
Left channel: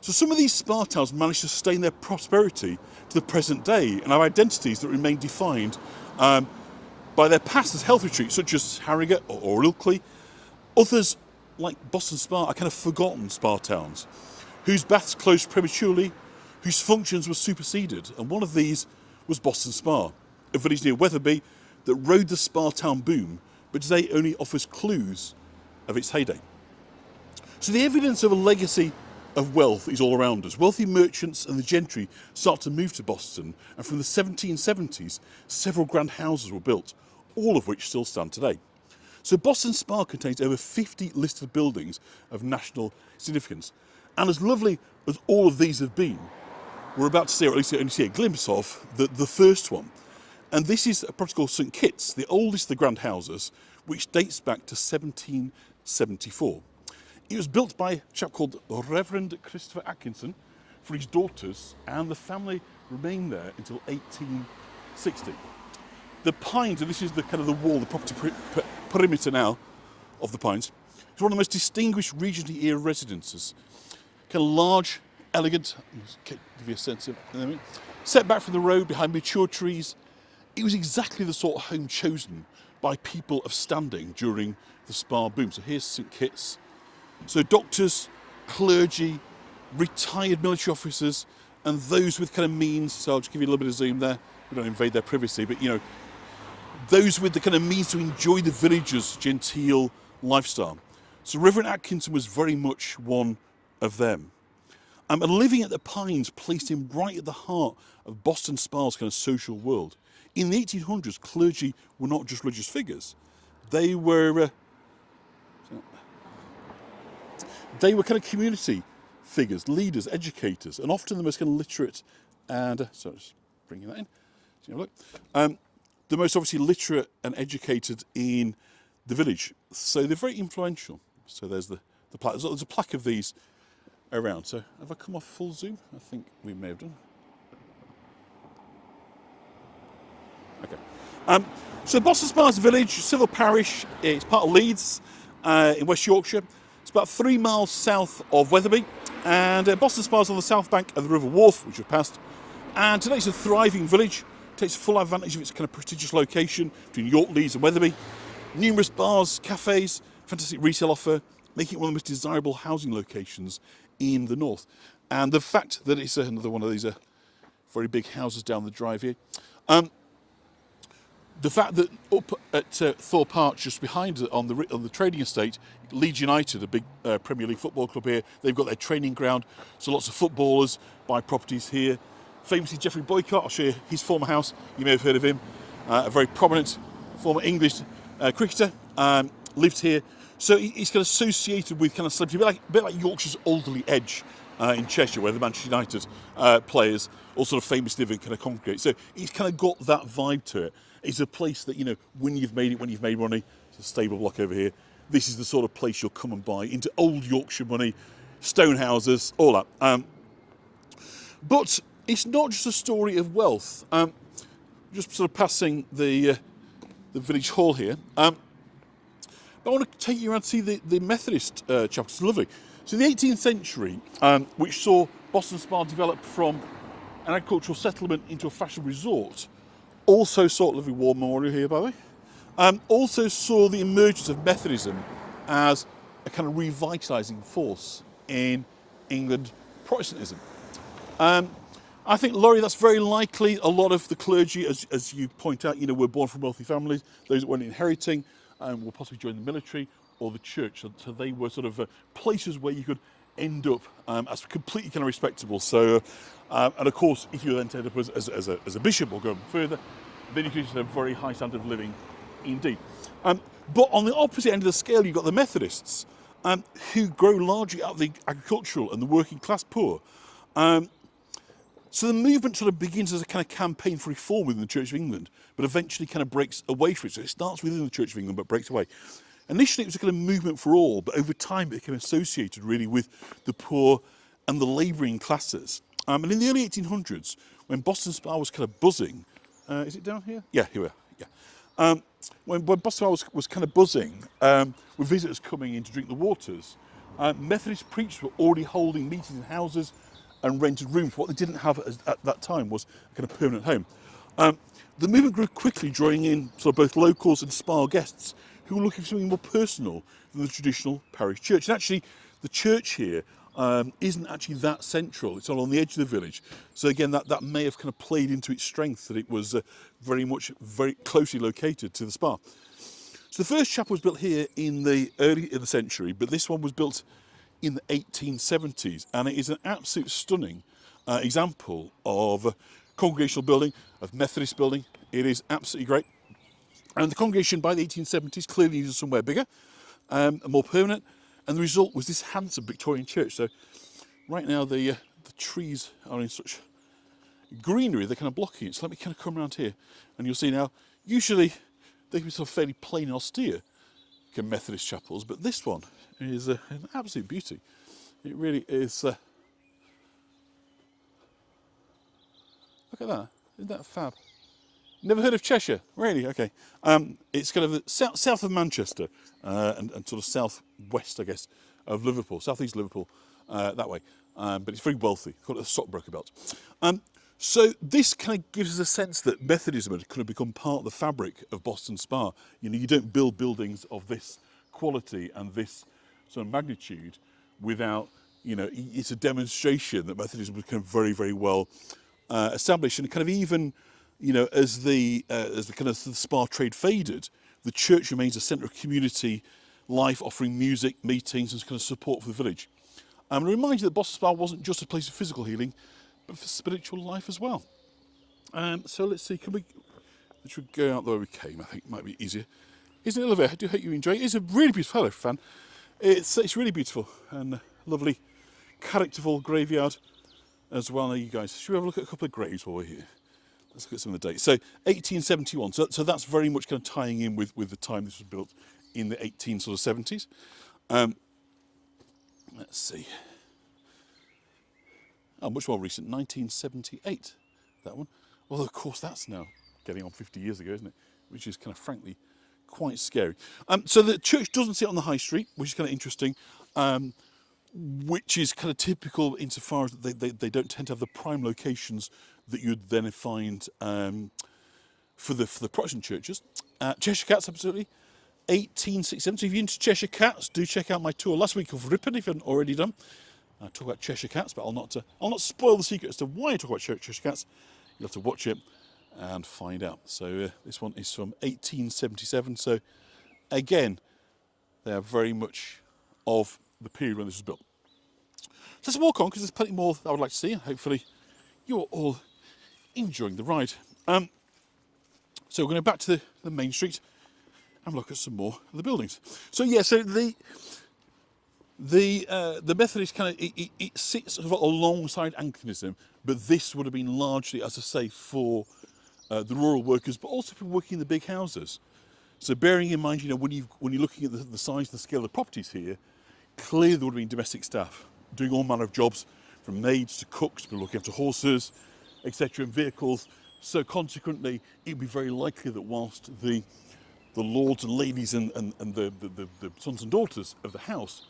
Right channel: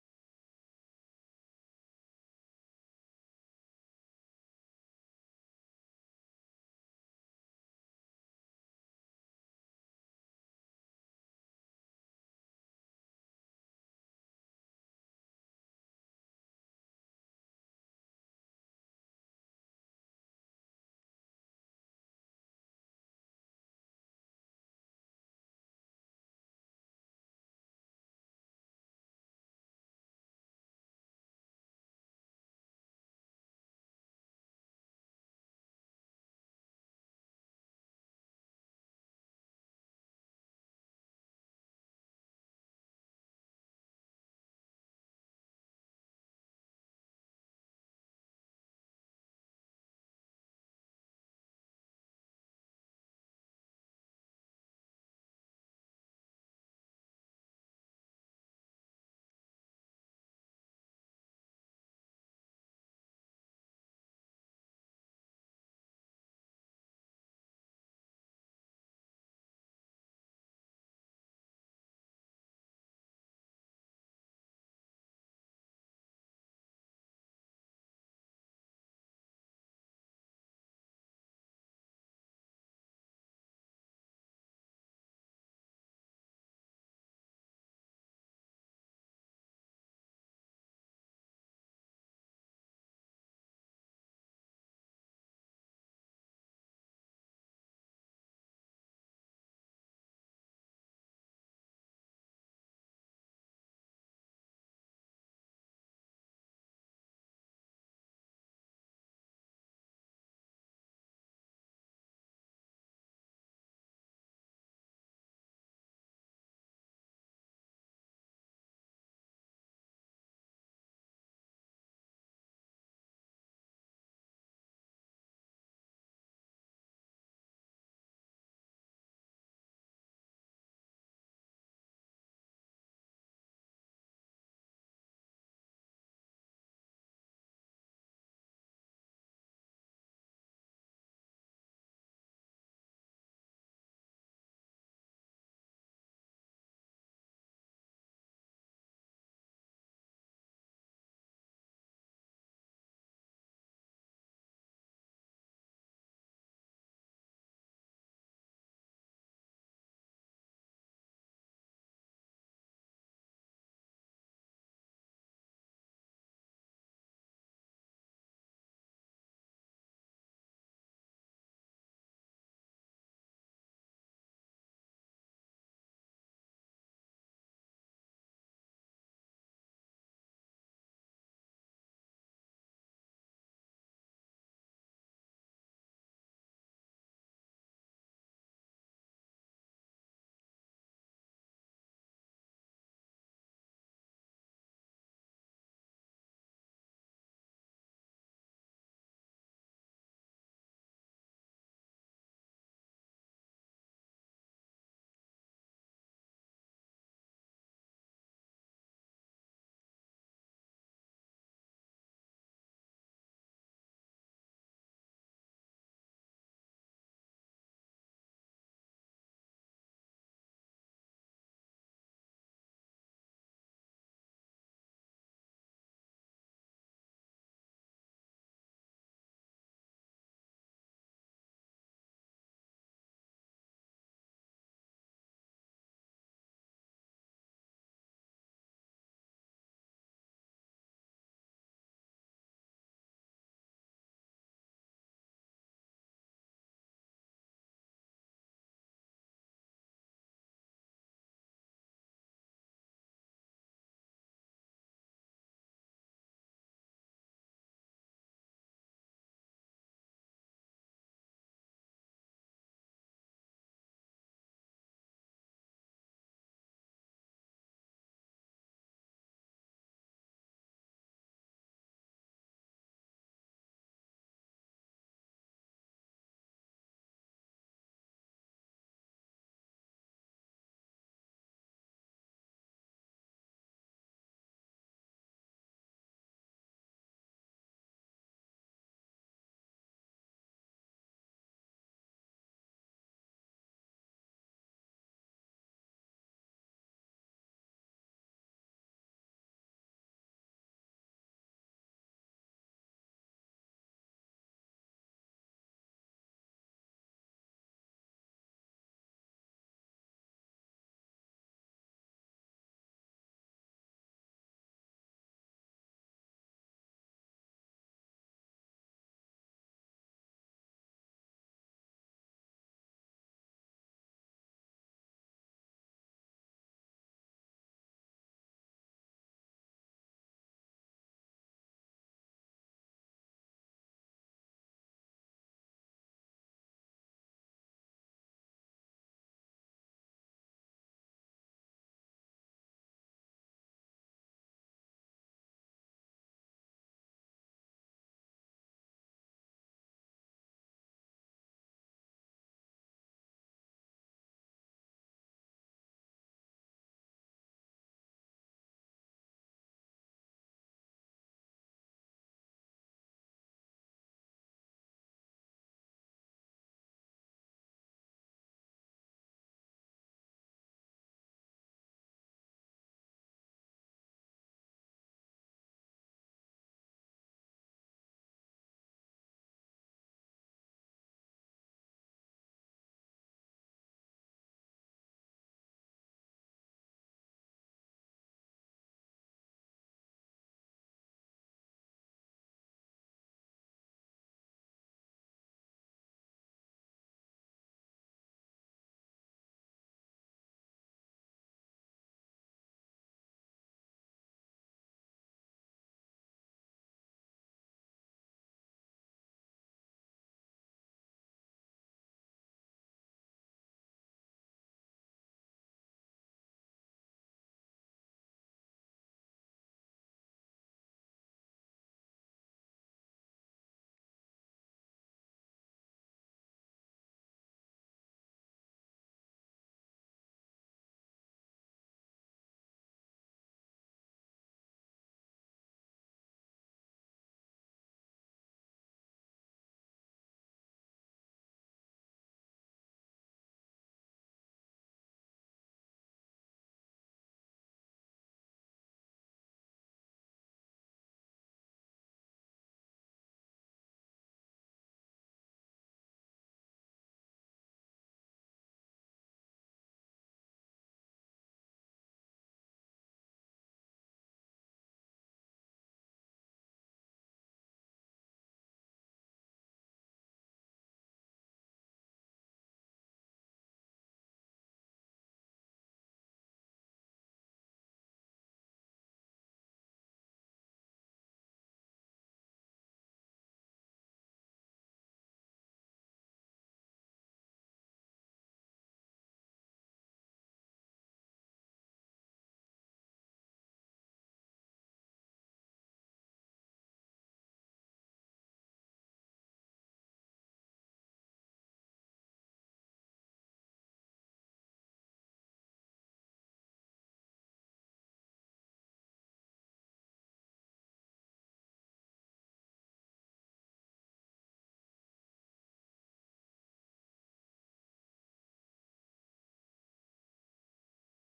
So some of these spa towns managed to sustain their prosperity to the present day and have identities that remain defined by their past as health retreats, such as Harrogate or Ilkley. Others, like Boston Spa, are kind of forgotten spa towns, whose baths closed prematurely, whose functions were superseded. And one of these was Boston Spa, a village near Wetherby that rode the spa town boom, but today only offers clues of its heyday. So the evidence of a legacy of wealth is all around us. Wealthy merchants and the gentry start to move to Boston, and from the 1770s, several grand houses were built, all of which still stand today. So Boston Spa contains over 50 listed buildings of national significance. And as lovely as all of these have been, we're about to see, or at least only see a glimpse of, the first one. And this is a property called St Kitts, the oldest of the grand houses, which dates back to 1774. It was built by a chap called Reverend Christopher Atkinson for his daughters, and the family remained there until 1860. The Pines, and this is the kind of the wall, the property perimeter now of the Pines, is one of the most distinguished Regency era residences. Kind of large, elegant, give you a sense of, set back from the road behind mature trees. It was exactly the sort of home chosen by people of standing during the spa boom. So here's St Kitts. So doctors, clergy, retired military officers, and those with kind of means. So I'll just give you a little bit of zoom there. We don't invade their privacy, but those with the kind of means to enjoy the villagers' genteel lifestyle. So Reverend Atkinson was very much one of them. And living at the Pines placed him right at the heart of Boston Spa's kind of social world. In the 1800s, clergy were not just religious figures. They were kind of community figures, leaders, educators, and often the most kind of literate and, sorry, just bringing that in. So look, the most obviously literate and educated in the village. So they're very influential. So there's the plaque. There's a plaque of these around. So have I come off full zoom? I think we may have done. Okay. So Boston Spa is a village, civil parish. It's part of Leeds in West Yorkshire. It's about 3 miles south of Wetherby. And Boston Spa is on the south bank of the River Wharfe, which we've passed. And today it's a thriving village. Takes full advantage of its kind of prestigious location between York, Leeds and Wetherby. Numerous bars, cafes, fantastic retail offer, making it one of the most desirable housing locations in the north. And the fact that it's another one of these very big houses down the drive here. the fact that up at Thorpe Arch, just behind on the trading estate, Leeds United, a big Premier League football club here, they've got their training ground, so lots of footballers buy properties here. Famously, Geoffrey Boycott, I'll show you his former house, you may have heard of him, a very prominent former English cricketer, lived here. So he's kind of associated with kind of celebrity, a bit like Yorkshire's Alderley Edge in Cheshire, where the Manchester United players all sort of famously live and kind of congregate. So he's kind of got that vibe to it. It's a place that, you know, when you've made it, when you've made money, it's a stable block over here. This is the sort of place you'll come and buy into old Yorkshire money, stone houses, all that. But it's not just a story of wealth. Just sort of passing the village hall here. I want to take you around to see the Methodist chapel. It's lovely. So in the 18th century, which saw Boston Spa develop from an agricultural settlement into a fashion resort, also saw lovely war memorial here, by the way. Also saw the emergence of Methodism as a kind of revitalising force in England Protestantism. I think, Laurie, that's very likely. A lot of the clergy, as you point out, you know, were born from wealthy families. Those that weren't inheriting will possibly join the military or the church. So they were sort of places where you could end up as completely kind of respectable. So, and of course, if you then end up as a bishop or go further, then you can just have a very high standard of living indeed. But on the opposite end of the scale, you've got the Methodists, who grow largely out of the agricultural and the working class poor. So the movement sort of begins as a kind of campaign for reform within the Church of England, but eventually kind of breaks away from it. So it starts within the Church of England, but breaks away. Initially, it was a kind of movement for all, but over time, it became associated really with the poor and the labouring classes. And in the early 1800s, when Boston Spa was kind of buzzing, is it down here? Yeah, here we are. Yeah. When Boston Spa was kind of buzzing, with visitors coming in to drink the waters, Methodist preachers were already holding meetings in houses and rented rooms. What they didn't have at that time was a kind of permanent home. The movement grew quickly, drawing in sort of both locals and spa guests who were looking for something more personal than the traditional parish church. And actually, the church here isn't actually that central. It's all on the edge of the village. So again, that may have kind of played into its strength, that it was very closely located to the spa. So the first chapel was built here in the early in the century, but this one was built in the 1870s, and it is an absolute stunning example of congregational building, of Methodist building. It is absolutely great. And the congregation by the 1870s clearly needed somewhere bigger and more permanent, and the result was this handsome Victorian church. So right now the trees are in such greenery, they're kind of blocking it. So let me kind of come around here, and you'll see now, usually they can be sort of fairly plain and austere, Methodist chapels, but this one is an absolute beauty. It really is. Look at that. Isn't that fab? Never heard of Cheshire? Really? Okay. It's kind of south of Manchester and sort of south-west, I guess, of Liverpool, south-east Liverpool, that way. But it's very wealthy. Called it a stockbroker belt. So this kind of gives us a sense that Methodism had kind of become part of the fabric of Boston Spa. You know, you don't build buildings of this quality and this sort of magnitude without, you know, it's a demonstration that Methodism was kind of very, very well established. And kind of even, you know, as the kind of the spa trade faded, the church remains a centre of community life, offering music, meetings, and kind of support for the village. And I remind you that Boston Spa wasn't just a place of physical healing, but for spiritual life as well. So let's see, should we go out the way we came? I think it might be easier. Isn't it lovely? I do hope you enjoy it. It's a really beautiful, hello fan. It's really beautiful and lovely, characterful graveyard as well. Now, you guys, should we have a look at a couple of graves while we're here? Let's look at some of the dates. So 1871. So that's very much kind of tying in with the time this was built in the 1870s. Let's see. Oh, much more recent, 1978. That one. Well, of course, that's now getting on 50 years ago, isn't it? Which is kind of, frankly, quite scary. So the church doesn't sit on the high street, which is kind of interesting, which is kind of typical insofar as they don't tend to have the prime locations that you'd then find for the Protestant churches. Cheshire Cats, absolutely. 1867. So if you're into Cheshire Cats, do check out my tour last week of Ripon if you haven't already done. I talk about Cheshire Cats, but I'll not spoil the secret as to why I talk about Cheshire Cats. You'll have to watch it and find out. So this one is from 1877. So again, they are very much of the period when this was built. So let's walk on, because there's plenty more that I would like to see, and hopefully you're all enjoying the ride. So we're going back to the main street and look at some more of the buildings. So yeah, so the Methodist kind of it sits sort of alongside Anglicanism, but this would have been largely, as I say, for the rural workers, but also people working in the big houses. So bearing in mind, you know, when you're looking at the size and the scale of the properties here, clearly there would have been domestic staff doing all manner of jobs, from maids to cooks, people looking after horses, etc., and vehicles. So consequently, it would be very likely that whilst the lords and ladies and the sons and daughters of the house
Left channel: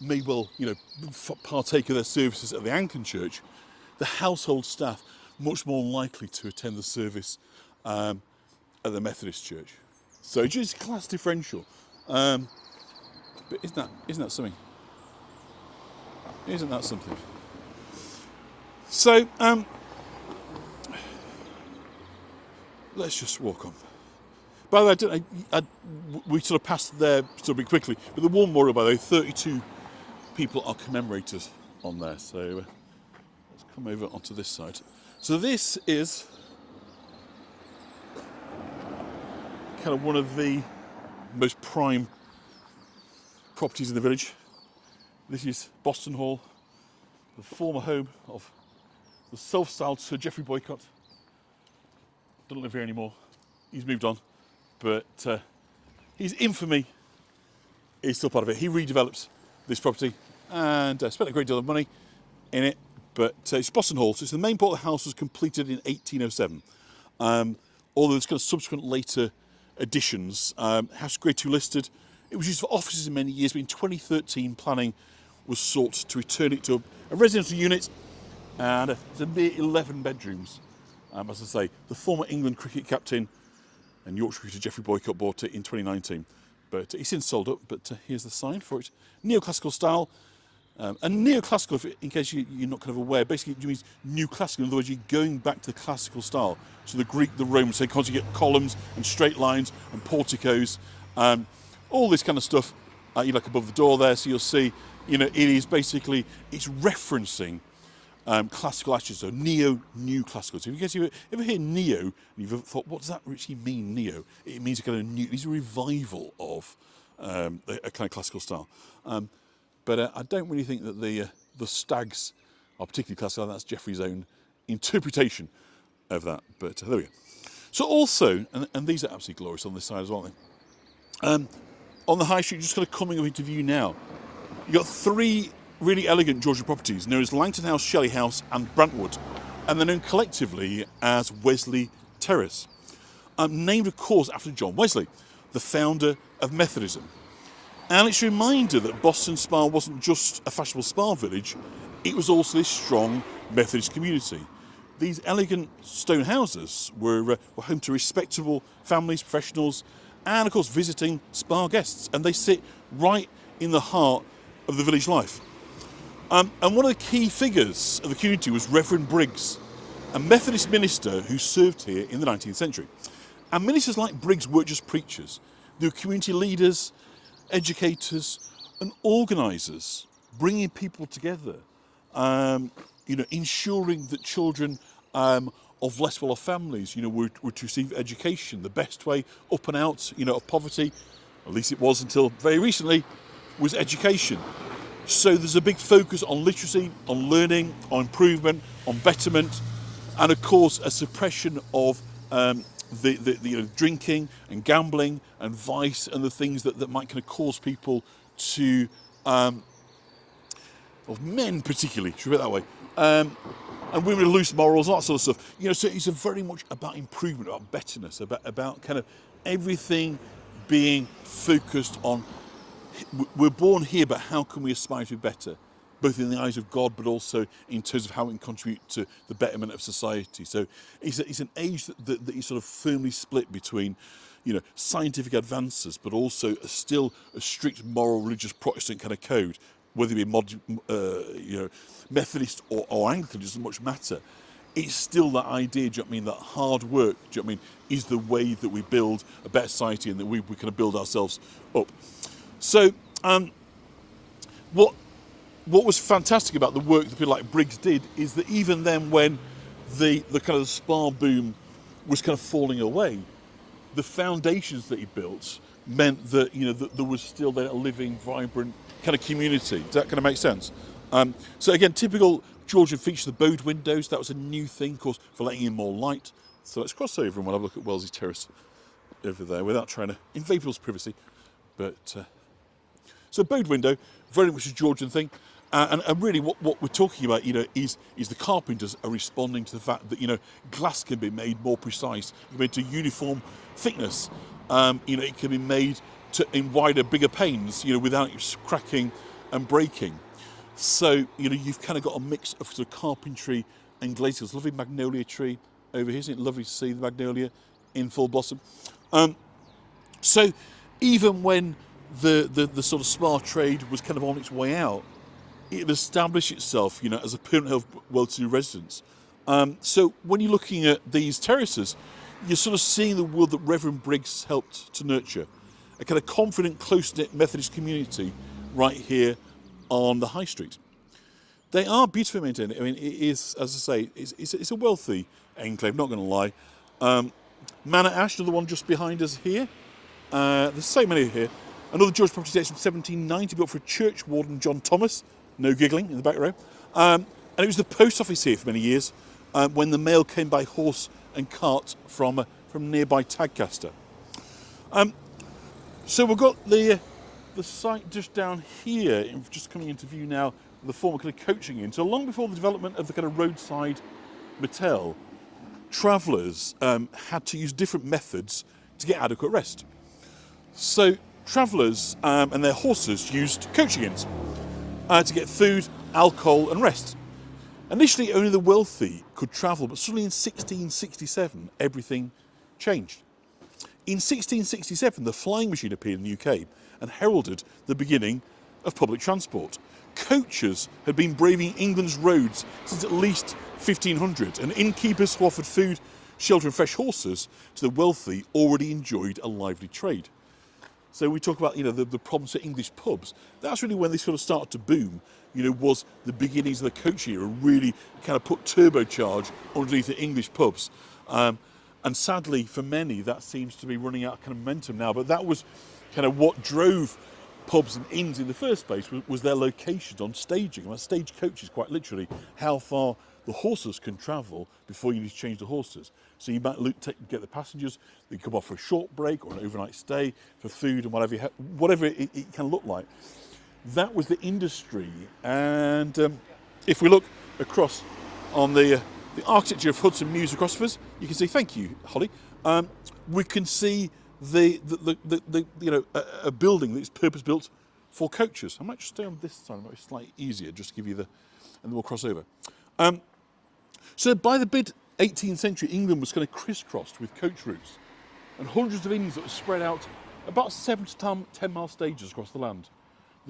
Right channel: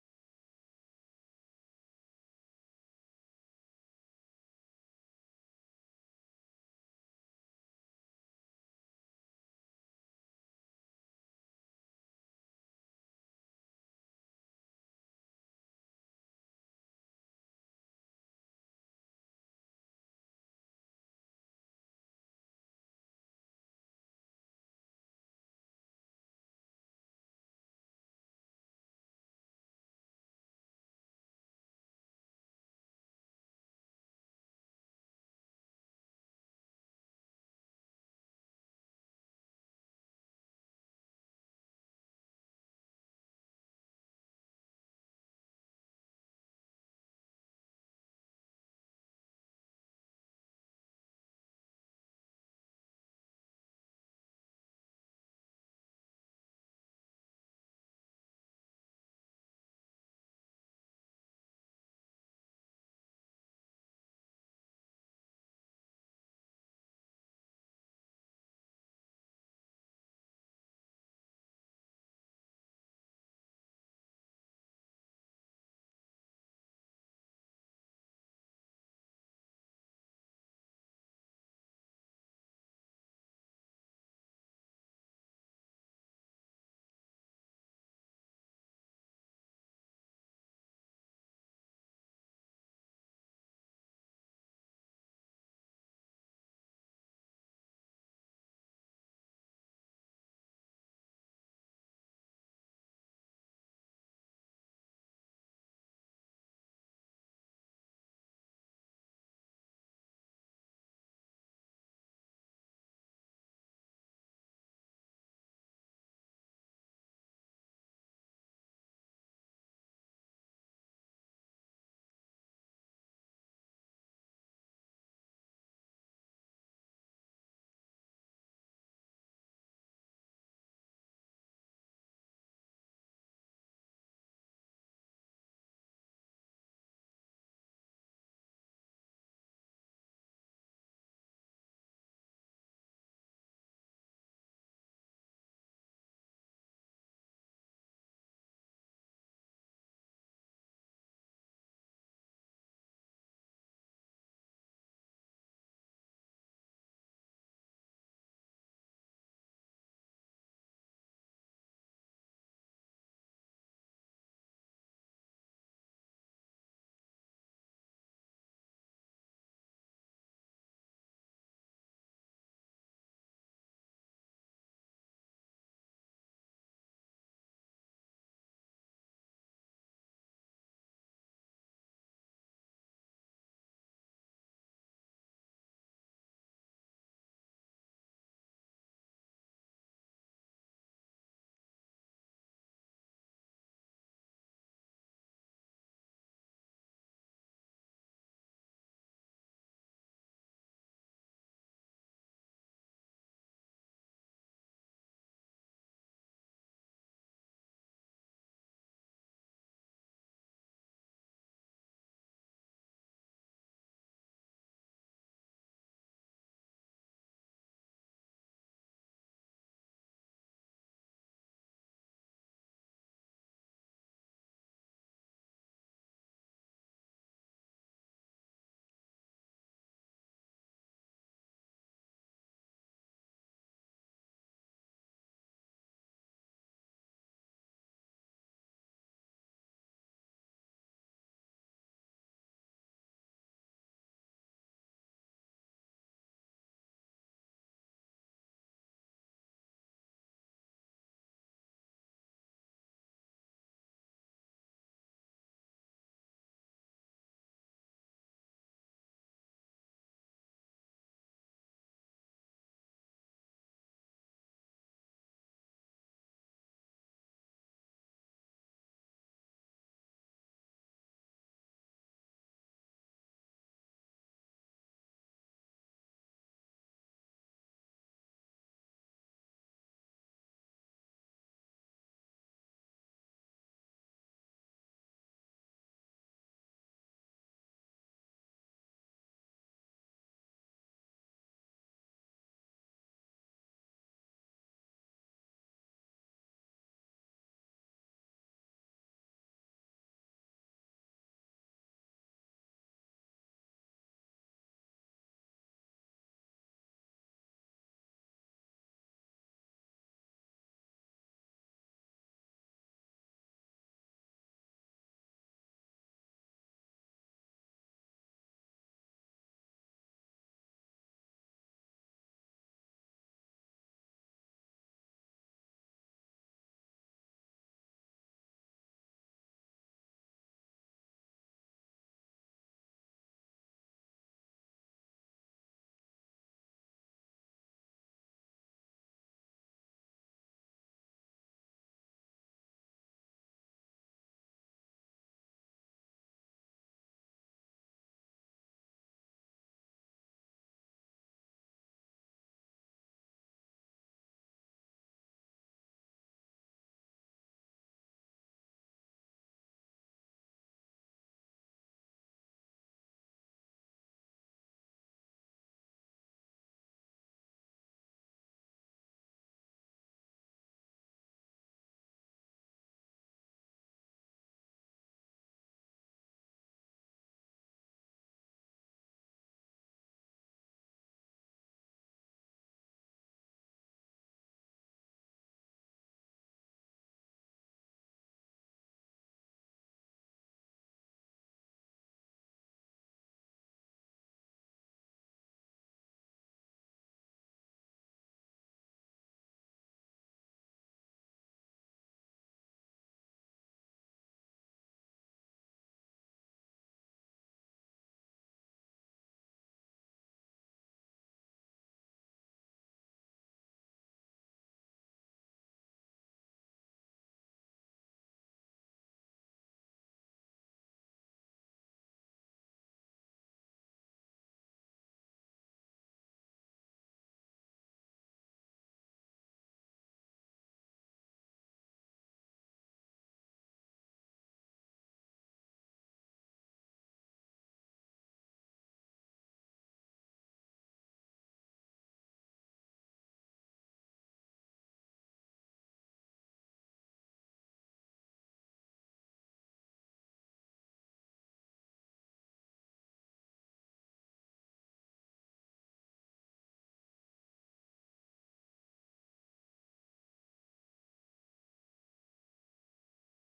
may well, you know, partake of their services at the Anglican church, the household staff much more likely to attend the service at the Methodist church. So just class differential. But isn't that something? Isn't that something? So let's just walk on. By the way, we sort of passed there sort of quickly, but the War Memorial, by the way, 32 people are commemorated on there. So let's come over onto this side. So this is kind of one of the most prime properties in the village. This is Boston Hall, the former home of the self-styled Sir Geoffrey Boycott. Doesn't live here anymore. He's moved on, but his infamy is still part of it. He redevelops this property and spent a great deal of money in it. But it's Boston Hall, so it's the main part of the house was completed in 1807. Although there's kind of subsequent later additions. House Grade 2 listed. It was used for offices in many years, but in 2013 planning was sought to return it to a residential unit, and it's a mere 11 bedrooms. As I say, the former England cricket captain and Yorkshire cricketer Geoffrey Boycott bought it in 2019, but he's since sold up. But here's the sign for it: neoclassical style. And neoclassical, in case you're not kind of aware, basically it means new classical. In other words, you're going back to the classical style. So the Greek, the Romans, so you get columns and straight lines and porticos, all this kind of stuff. You look above the door there, so you'll see, you know, it is basically, it's referencing classical attitudes, so new classical. So if you ever hear neo, and you've ever thought, what does that actually mean, neo? It means a kind of new, it's a revival of a kind of classical style. But I don't really think that the stags are particularly classical. That's Geoffrey's own interpretation of that. But there we go. So also, and these are absolutely glorious on this side as well, aren't they? On the high street, just kind of coming up into view now, you've got three really elegant Georgian properties known as Langton House, Shelley House and Brantwood, and they're known collectively as Wesley Terrace. Named, of course, after John Wesley, the founder of Methodism. And it's a reminder that Boston Spa wasn't just a fashionable spa village, it was also this strong Methodist community. These elegant stone houses were home to respectable families, professionals, and of course visiting spa guests, and they sit right in the heart of the village life. And one of the key figures of the community was Reverend Briggs, a Methodist minister who served here in the 19th century. And ministers like Briggs weren't just preachers, they were community leaders, educators and organisers, bringing people together, you know, ensuring that children of less well-off families, you know, were to receive education the best way up and out, you know, of poverty, at least it was until very recently, was education. So there's a big focus on literacy, on learning, on improvement, on betterment, and of course a suppression of the you know, drinking and gambling and vice and the things that might kind of cause people to, of men particularly, should we put it that way, and women with loose morals, all that sort of stuff. You know, so it's very much about improvement, about betterness, about kind of everything being focused on, we're born here, but how can we aspire to be better? Both in the eyes of God, but also in terms of how we can contribute to the betterment of society. So it's an age that is sort of firmly split between, you know, scientific advances, but also still a strict moral, religious Protestant kind of code, whether it be you know, Methodist or Anglican, it doesn't much matter. it's still that idea, do you know what I mean, that hard work, do you know what I mean, is the way that we build a better society and that we kind of build ourselves up. So what was fantastic about the work that people like Briggs did is that even then, when the kind of the spa boom was kind of falling away, the foundations that he built meant that, you know, that there was still there a living, vibrant kind of community. Does that kind of make sense? So again, typical Georgian feature, the bowed windows. That was a new thing, of course, for letting in more light. So let's cross over and we'll have a look at Wellesley Terrace over there without trying to invade people's privacy. But so bowed window, very much a Georgian thing. And really what we're talking about, you know, is the carpenters are responding to the fact that, you know, glass can be made more precise, it can be made to uniform thickness. You know, it can be made in wider, bigger panes, you know, without it cracking and breaking. So, you know, you've kind of got a mix of sort of carpentry and glazing. There's a lovely magnolia tree over here, isn't it? Lovely to see the magnolia in full blossom. So even when the sort of spa trade was kind of on its way out, it had established itself, you know, as a permanent well-to-do residence. So when you're looking at these terraces, you're sort of seeing the world that Reverend Briggs helped to nurture. A kind of confident, close-knit Methodist community right here on the High Street. They are beautifully maintained. I mean, it is, as I say, it's a wealthy enclave, not going to lie. Manor Ash, another one just behind us here. There's so many here. Another George property dates from 1790, built for church warden John Thomas. No giggling in the back row. And it was the post office here for many years, when the mail came by horse and cart from nearby Tadcaster. So we've got the site just down here, just coming into view now, the former kind of coaching inn. So long before the development of the kind of roadside motel, travellers had to use different methods to get adequate rest. So travellers and their horses used coaching inns to get food, alcohol and rest. Initially only the wealthy could travel, but suddenly in 1667 everything changed. In 1667 the flying machine appeared in the UK and heralded the beginning of public transport. Coaches had been braving England's roads since at least 1500, and innkeepers who offered food, shelter and fresh horses to the wealthy already enjoyed a lively trade. So we talk about, you know, the problems at English pubs. That's really when they sort of started to boom, you know, was the beginnings of the coach era, really kind of put turbocharge underneath the English pubs. And sadly for many that seems to be running out of kind of momentum now, but that was kind of what drove pubs and inns in the first place, was their locations on staging. Well, stage coaches, quite literally, how far the horses can travel before you need to change the horses. So you might get the passengers, they come off for a short break or an overnight stay for food and whatever it can look like. That was the industry. And if we look across on the architecture of Hudson Mews across from us, you can see, thank you, Holly. We can see the you know, a building that's purpose built for coaches. I might just stay on this side, it might be slightly easier, just to give you and then we'll cross over. So by the mid 18th century, England was kind of crisscrossed with coach routes, and hundreds of inns that were spread out about 7 to 10 mile stages across the land.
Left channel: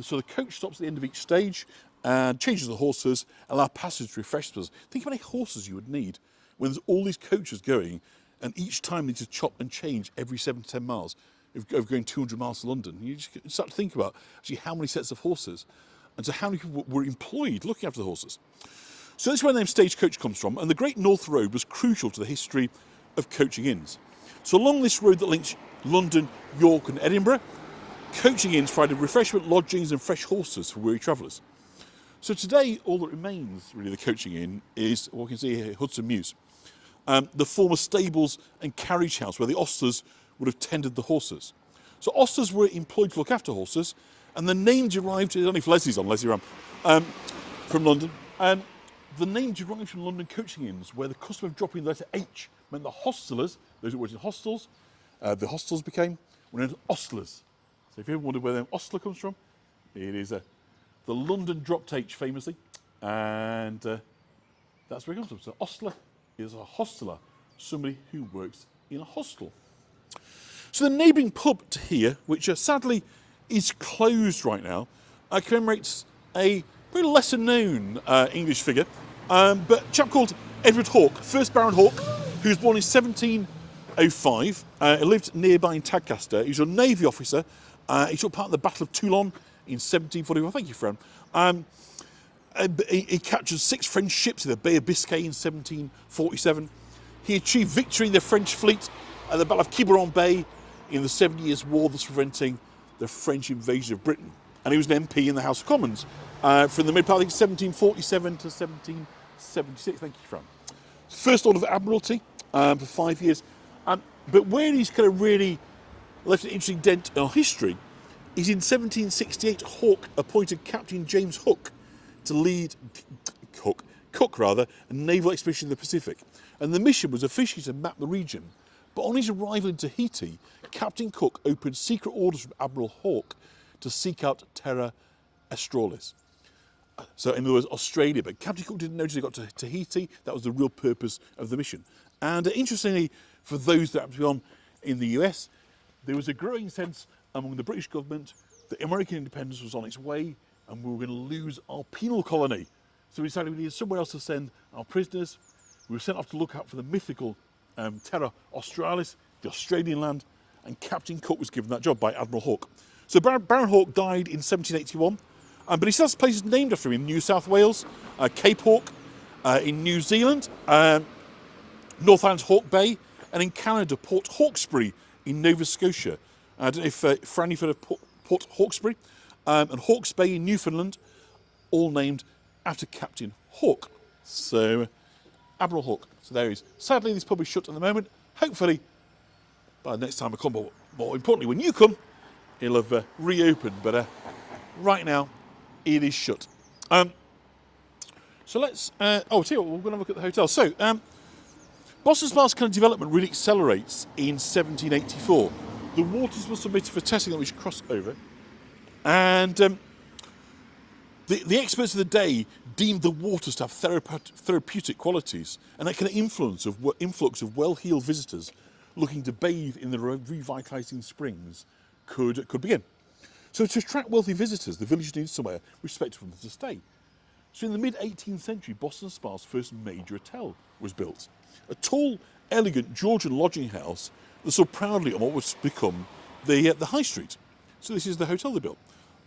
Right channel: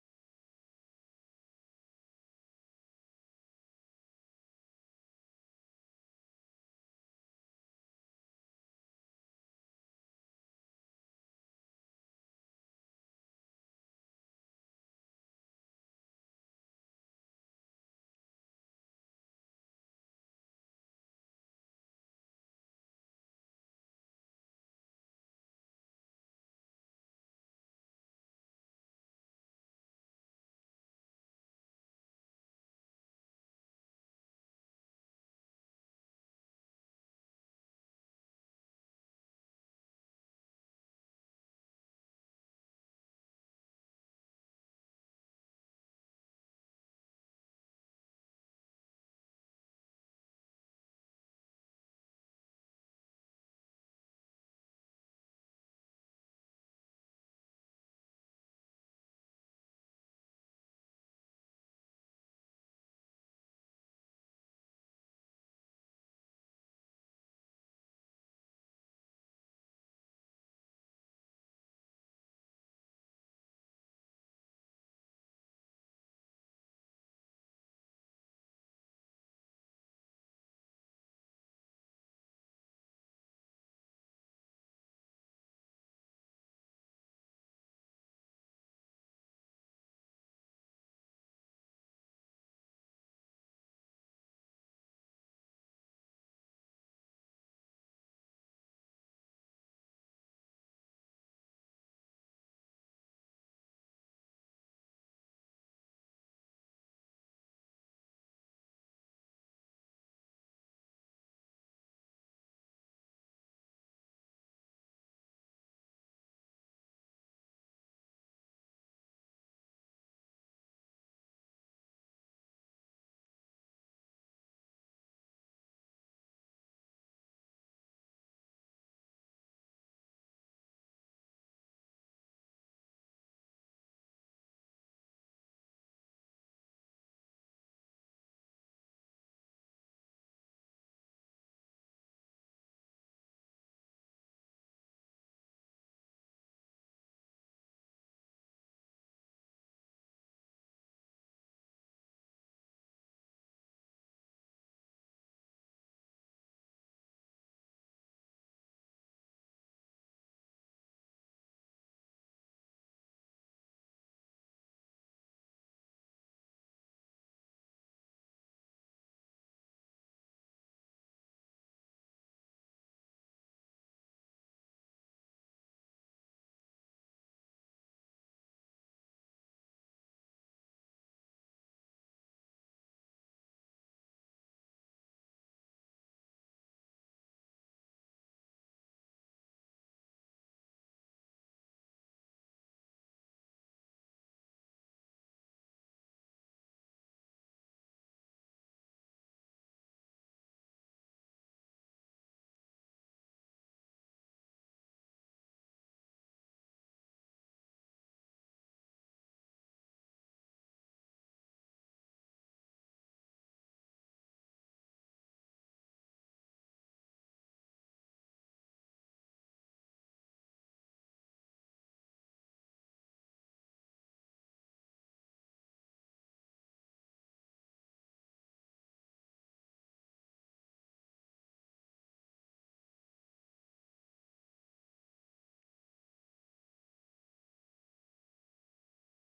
So the coach stops at the end of each stage and changes the horses, allow passengers to refresh themselves. Think how many horses you would need when there's all these coaches going, and each time they need to chop and change every 7 to 10 miles of going 200 miles to London. You just start to think about actually how many sets of horses, and so how many people were employed looking after the horses. So this is where the name stagecoach comes from, and the Great North Road was crucial to the history of coaching inns. So along this road that links London, York and Edinburgh, coaching inns provided refreshment, lodgings and fresh horses for weary travellers. So today all that remains really the coaching inn is what we can see here, Hudson Mews. The former stables and carriage house where the ostlers would have tended the horses. So ostlers were employed to look after horses, and the name derived, only if Leslie's on, Leslie Ram, from London. The name derived from London coaching inns, where the custom of dropping the letter H meant the hostelers, those who worked in hostels, the hostels were known as ostlers. So if you ever wondered where the name ostler comes from, it is the London dropped H famously, and that's where it comes from. So ostler is a hosteler, somebody who works in a hostel. So the neighbouring pub to here, which sadly is closed right now, commemorates a very lesser known English figure, but a chap called Edward Hawke, first Baron Hawke, who was born in 1705. He lived nearby in Tadcaster. He was a Navy officer. He took part in the Battle of Toulon in 1741. Thank you, friend. He captured 6 French ships in the Bay of Biscay in 1747. He achieved victory in the French fleet at the Battle of Quiberon Bay in the 7 Years' War, thus preventing the French invasion of Britain. And he was an MP in the House of Commons from the mid-part, I think, 1747 to 1776. Thank you, Fran. First Lord of Admiralty for 5 years. But where he's kind of really left an interesting dent in our history is in 1768, Hawke appointed Captain James Cook to lead a naval expedition in the Pacific. And the mission was officially to map the region. But on his arrival in Tahiti, Captain Cook opened secret orders from Admiral Hawke to seek out Terra Australis. So in other words, Australia. But Captain Cook didn't notice he got to Tahiti. That was the real purpose of the mission. And interestingly, for those that happened to be on in the US, there was a growing sense among the British government that American independence was on its way and we were going to lose our penal colony. So we decided we needed somewhere else to send our prisoners. We were sent off to look out for the mythical Terra Australis, the Australian land, and Captain Cook was given that job by Admiral Hawke. So Baron Hawke died in 1781, but he still has places named after him in New South Wales, Cape Hawke, in New Zealand, North Island's Hawke Bay, and in Canada, Port Hawkesbury in Nova Scotia. I don't know if Fran, you've heard of Port Hawkesbury, and Hawke's Bay in Newfoundland, all named after Captain Hawke. So, Admiral Hawke. So there he is. Sadly, this pub is shut at the moment. Hopefully, by the next time I come, but more importantly, when you come, it'll have reopened. But right now, it is shut. So let's. Tell you what, we're going to look at the hotel. So, Boston Spa's kind of development really accelerates in 1784. The waters were submitted for testing that which crossed over, and the experts of the day deemed the waters to have therapeutic qualities, and that kind of influx of well-heeled visitors looking to bathe in the revitalising springs could begin. So to attract wealthy visitors, the village needed somewhere respectable for them to stay. So in the mid-18th century, Boston Spa's first major hotel was built. A tall, elegant Georgian lodging house that stood proudly on what was become the High Street. So this is the hotel they built.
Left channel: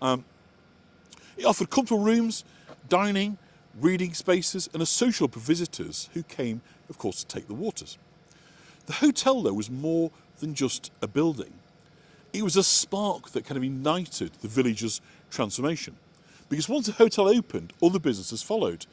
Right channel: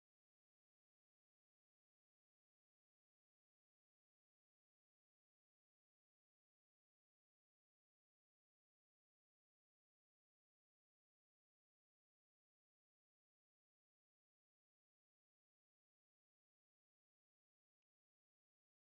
It offered comfortable rooms, dining, reading spaces, and a social for visitors who came, of course, to take the waters. The hotel, though, was more than just a building. It was a spark that kind of ignited the village's transformation. Because once the hotel opened, other businesses followed.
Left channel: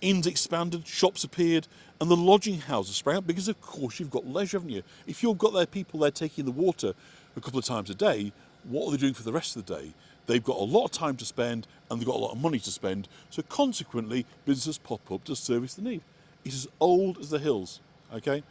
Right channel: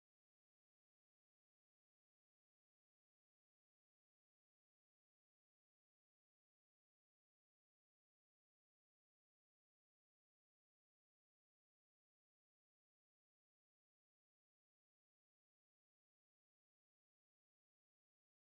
Inns expanded, shops appeared, and the lodging houses sprang up because, of course, you've got leisure, haven't you? If you've got their people there taking the water a couple of times a day, what are they doing for the rest of the day? They've got a lot of time to spend and they've got a lot of money to spend. So consequently, businesses pop up to service the need. It's as old as the hills, okay?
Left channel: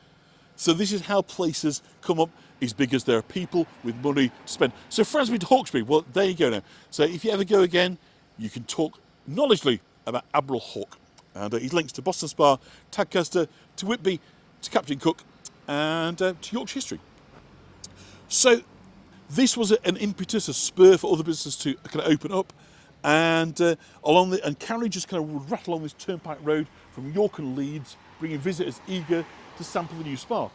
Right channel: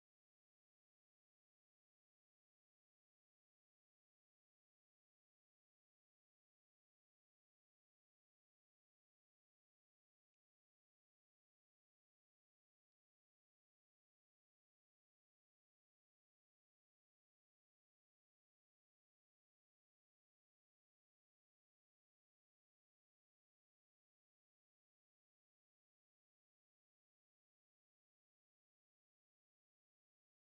So this is how places come up as big as there are people with money to spend. So Fran's been to Hawkesbury. Well, there you go now. So if you ever go again, you can talk knowledgeably about Admiral Hawke. And his links to Boston Spa, Tadcaster, to Whitby, to Captain Cook, and to Yorkshire history. So this was an impetus, a spur for other businesses to kind of open up, and carriages kind of would rattle along this turnpike road from York and Leeds, bringing visitors eager to sample the new spa.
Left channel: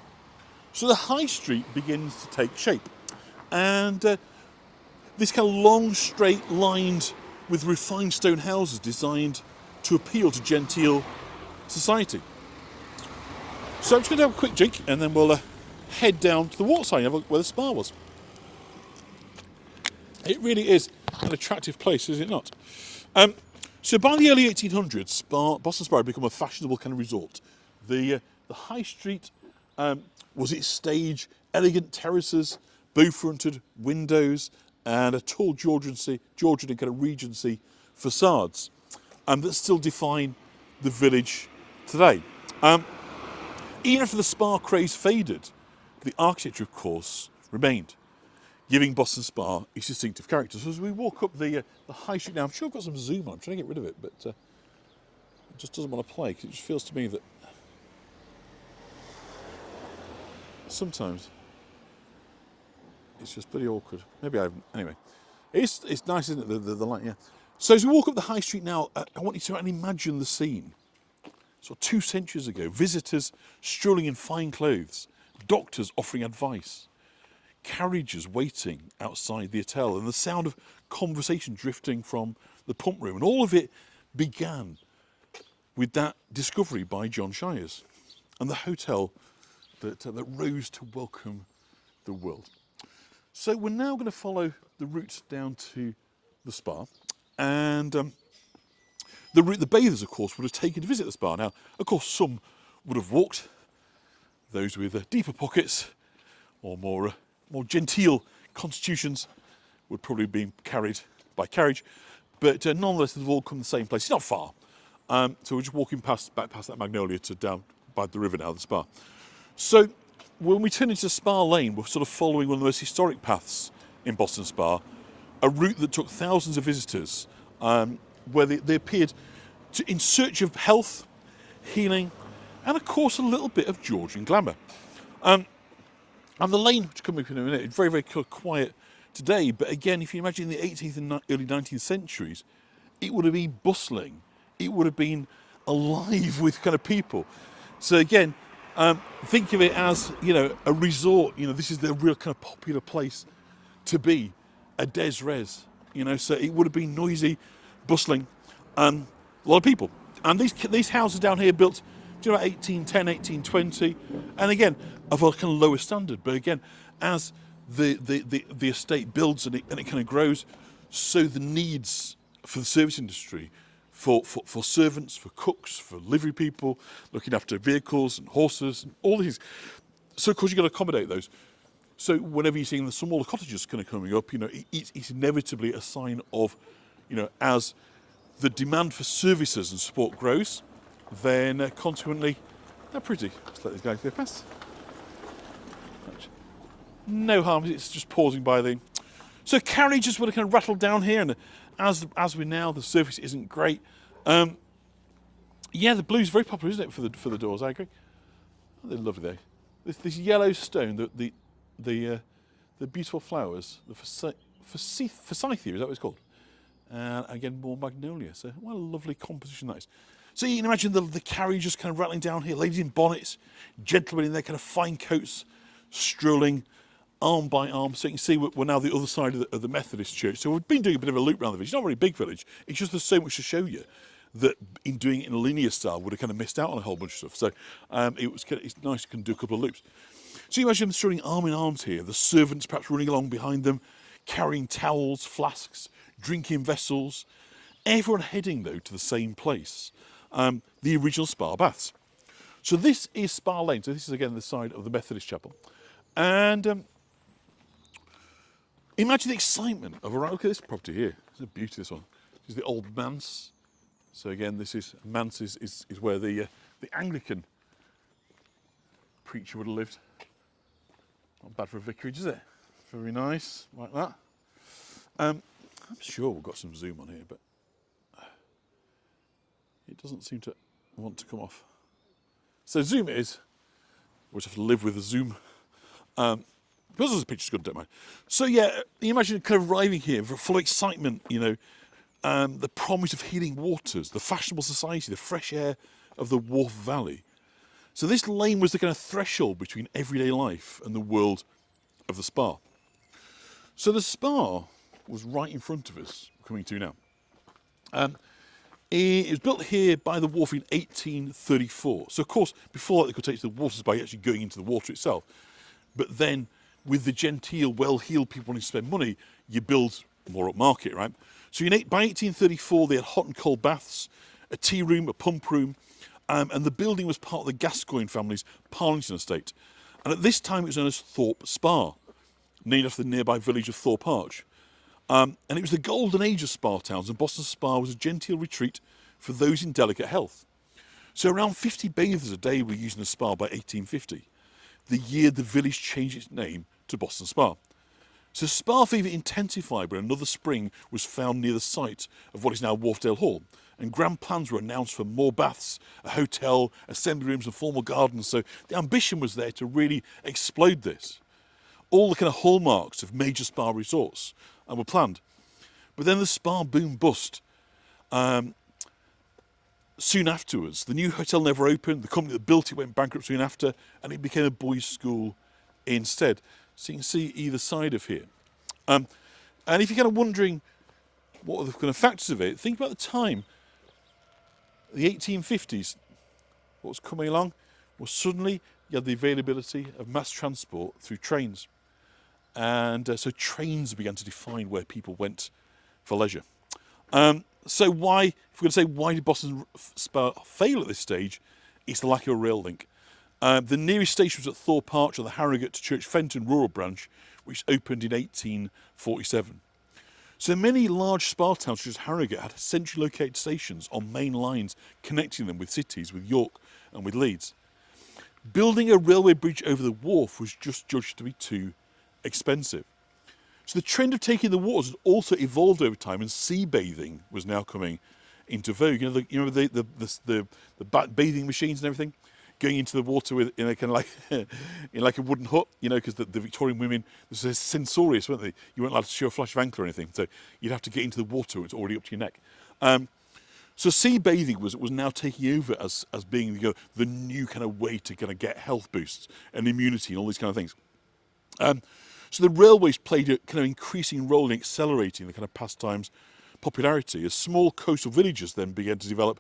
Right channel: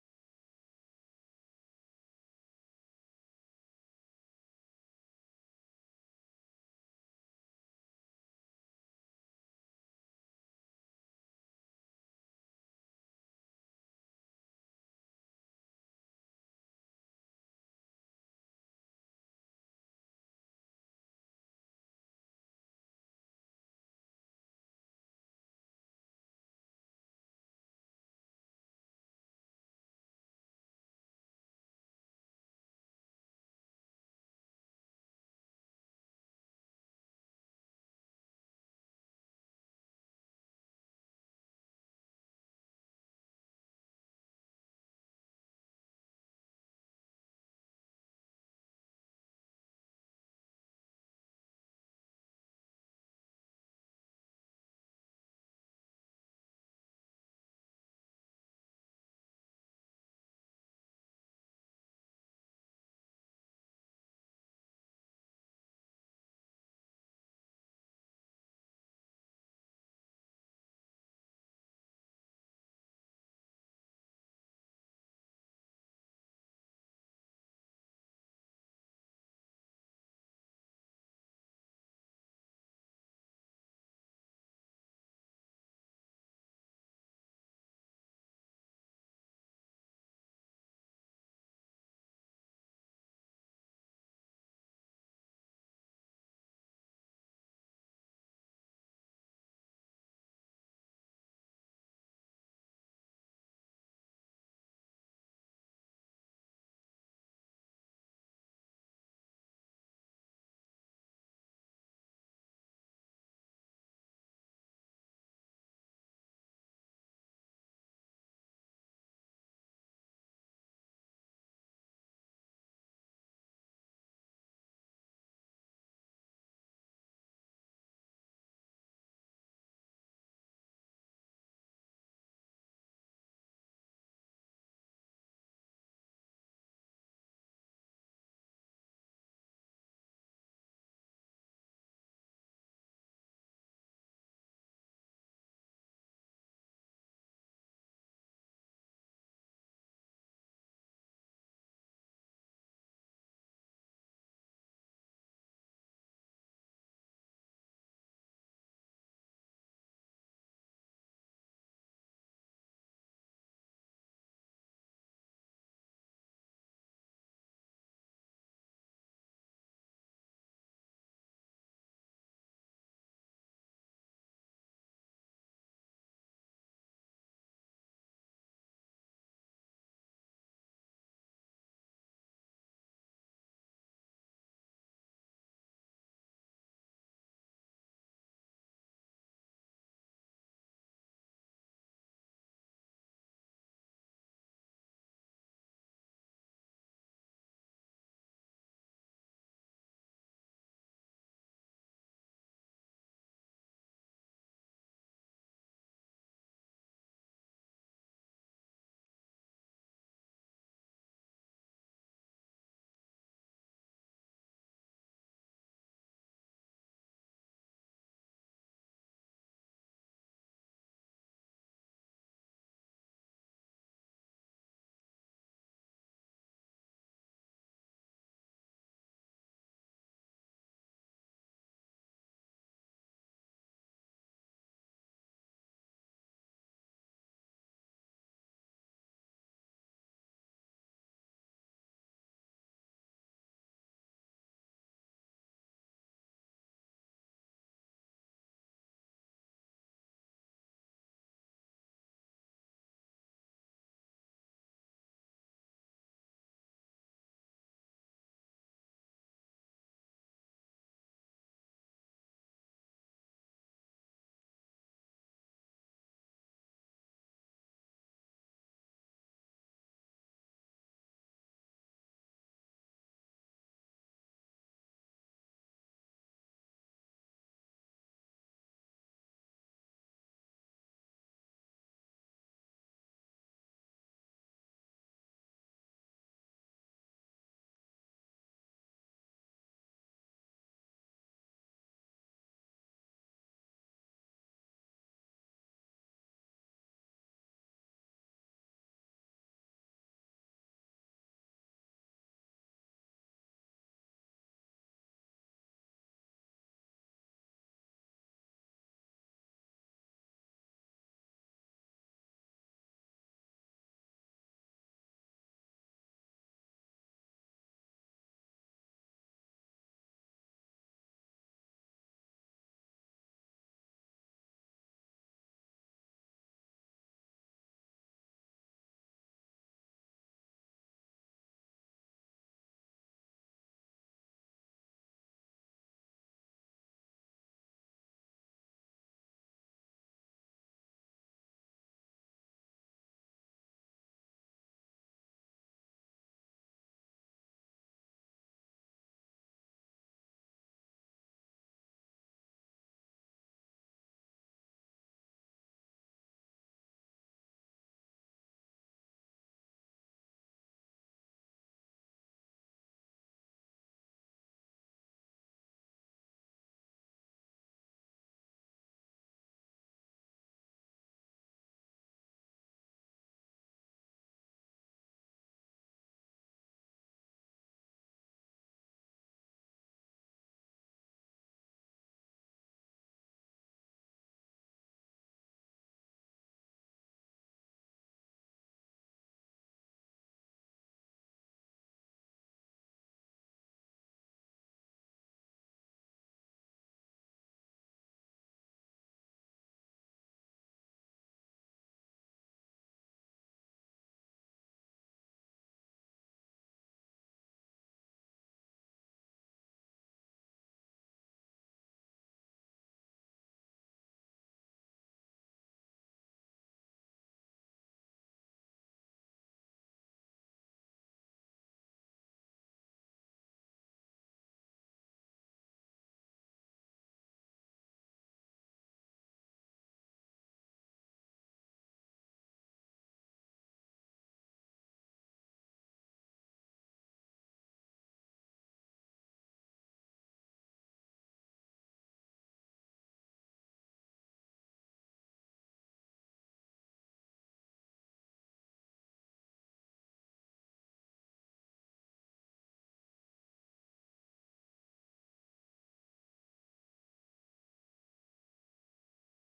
So the High Street begins to take shape, and this kind of long, straight, lined with refined stone houses designed to appeal to genteel society. So I'm just going to have a quick drink, and then we'll head down to the waterside and have a look where the spa was. It really is an attractive place, is it not? So by the early 1800s, Boston Spa had become a fashionable kind of resort. The High Street was its stage, elegant terraces, bow-fronted windows, and a tall Georgian and kind of Regency facades that still define the village today. Even after the spa craze faded, the architecture, of course, remained, giving Boston Spa its distinctive character. So as we walk up the High Street now, I'm sure I've got some zoom on. I'm trying to get rid of it, but it just doesn't want to play, because it just feels to me that sometimes it's just pretty awkward. Maybe I haven't. Anyway, it's nice, isn't it, the light, yeah. So as we walk up the High Street now, I want you to imagine the scene. So 2 centuries ago, visitors strolling in fine clothes, doctors offering advice, carriages waiting outside the hotel, and the sound of conversation drifting from the pump room. And all of it began with that discovery by John Shires and the hotel that rose to welcome the world. So we're now going to follow the route down to the spa, and the route the bathers, of course, would have taken to visit the spa. Now, of course, some would have walked, those with deeper pockets or more genteel constitutions would probably have been carried by carriage, but nonetheless, they've all come to the same place. It's not far, so we're just walking back past that magnolia to down by the river now, the spa. So when we turn into Spa Lane, we're sort of following one of the most historic paths in Boston Spa, a route that took thousands of visitors, where they appeared in search of health, healing, and of course a little bit of Georgian glamour. And the lane, which will come up in a minute, is very, very quiet today, but again, if you imagine the 18th and early 19th centuries, it would have been bustling. It would have been alive with kind of people. So again, think of it as, a resort. This is the real kind of popular place to be, a des res. So it would have been noisy, bustling, a lot of people. And these houses down here built, about 1810, 1820, and again of a kind of lower standard. But again, as the estate builds and it kind of grows, so the needs for the service industry, for servants, for cooks, for livery people, looking after vehicles and horses, and all these. So of course you've got to accommodate those. So whenever you're seeing the smaller cottages kind of coming up, it's inevitably a sign of, as the demand for services and support grows, then consequently they're pretty. Let's let these guys go past. No harm, it's just pausing by the. So carriages would have kind of rattled down here, and as we now, the surface isn't great. Yeah, the blue's very popular, isn't it, for the doors? I agree. Oh, they're lovely though. This yellow stone, the beautiful flowers, the forsythia, is that what it's called? And again, more magnolia. So what a lovely composition that is. So you can imagine the carriages kind of rattling down here, ladies in bonnets, gentlemen in their kind of fine coats, strolling arm by arm. So you can see we're now the other side of the Methodist church. So we've been doing a bit of a loop around the village. It's not a very big village. It's just there's so much to show you that in doing it in a linear style would have kind of missed out on a whole bunch of stuff. So it's nice to do a couple of loops. So you imagine them strolling arm in arms here, the servants perhaps running along behind them, carrying towels, flasks, drinking vessels. Everyone heading, though, to the same place, the original Spa Baths. So this is Spa Lane. So this is, again, the side of the Methodist chapel. And imagine the excitement of look at this property here. It's a beauty, this one. This is the old manse. So again, this is manse is where the Anglican preacher would have lived. Not bad for a vicarage, is it? Very nice, like that. I'm sure we've got some zoom on here, but it doesn't seem to want to come off. So zoom it is. We'll just have to live with the zoom. Because the picture's good, don't mind. So yeah, you imagine kind of arriving here full of excitement, the promise of healing waters, the fashionable society, the fresh air of the Wharf Valley. So this lane was the kind of threshold between everyday life and the world of the spa. So the spa was right in front of us, coming to now. It was built here by the wharf in 1834. So of course, before that they could take to the waters by actually going into the water itself. But then, with the genteel, well-heeled people wanting to spend money, you build more upmarket, right? So by 1834, they had hot and cold baths, a tea room, a pump room, and the building was part of the Gascoigne family's Parlington estate. And at this time, it was known as Thorpe Spa, named after the nearby village of Thorpe Arch. And it was the golden age of spa towns, and Boston Spa was a genteel retreat for those in delicate health. So around 50 bathers a day were using the spa by 1850, the year the village changed its name to Boston Spa. So spa fever intensified when another spring was found near the site of what is now Wharfdale Hall, and grand plans were announced for more baths, a hotel, assembly rooms and formal gardens. So the ambition was there to really explode this. All the kind of hallmarks of major spa resorts were planned. But then the spa boom bust. soon afterwards, the new hotel never opened. The company that built it went bankrupt soon after, and it became a boys' school instead. So you can see either side of here. And if you're kind of wondering what are the kind of factors of it, think about the time, the 1850s. What was coming along was suddenly you had the availability of mass transport through trains. And so trains began to define where people went for leisure. So why, if we're going to say why did Boston Spa fail at this stage, it's the lack of a rail link. The nearest station was at Thorpe Arch on the Harrogate to Church Fenton rural branch, which opened in 1847. So many large spa towns such as Harrogate had centrally located stations on main lines connecting them with cities, with York and with Leeds. Building a railway bridge over the wharf was just judged to be too expensive. So the trend of taking the waters had also evolved over time, and sea bathing was now coming into vogue. You know, the bathing machines and everything, going into the water with in a kind of like in like a wooden hut. You know, because the Victorian women were censorious, weren't they? You weren't allowed to show a flash of ankle or anything, so you'd have to get into the water when it's already up to your neck. So sea bathing was now taking over as being the new kind of way to kind of get health boosts and immunity and all these kind of things. So the railways played a kind of increasing role in accelerating the kind of pastime's popularity as small coastal villages then began to develop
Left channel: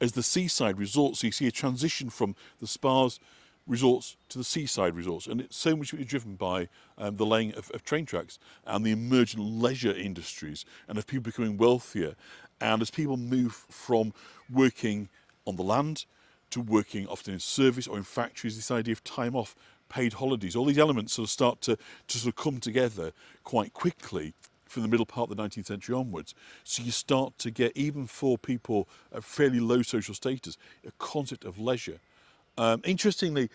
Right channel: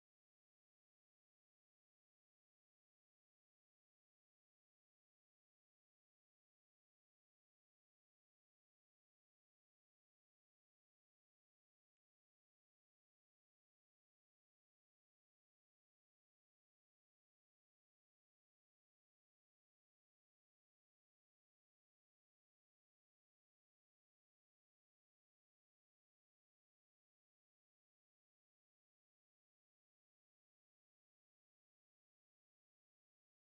as the seaside resorts. So you see a transition from the spas resorts to the seaside resorts, and it's so much driven by the laying of train tracks and the emergent leisure industries, and of people becoming wealthier, and as people move from working on the land to working often in service or in factories, this idea of time off, paid holidays, all these elements sort of start to sort of come together quite quickly from the middle part of the 19th century onwards. So you start to get, even for people at fairly low social status, a concept of leisure. Interestingly,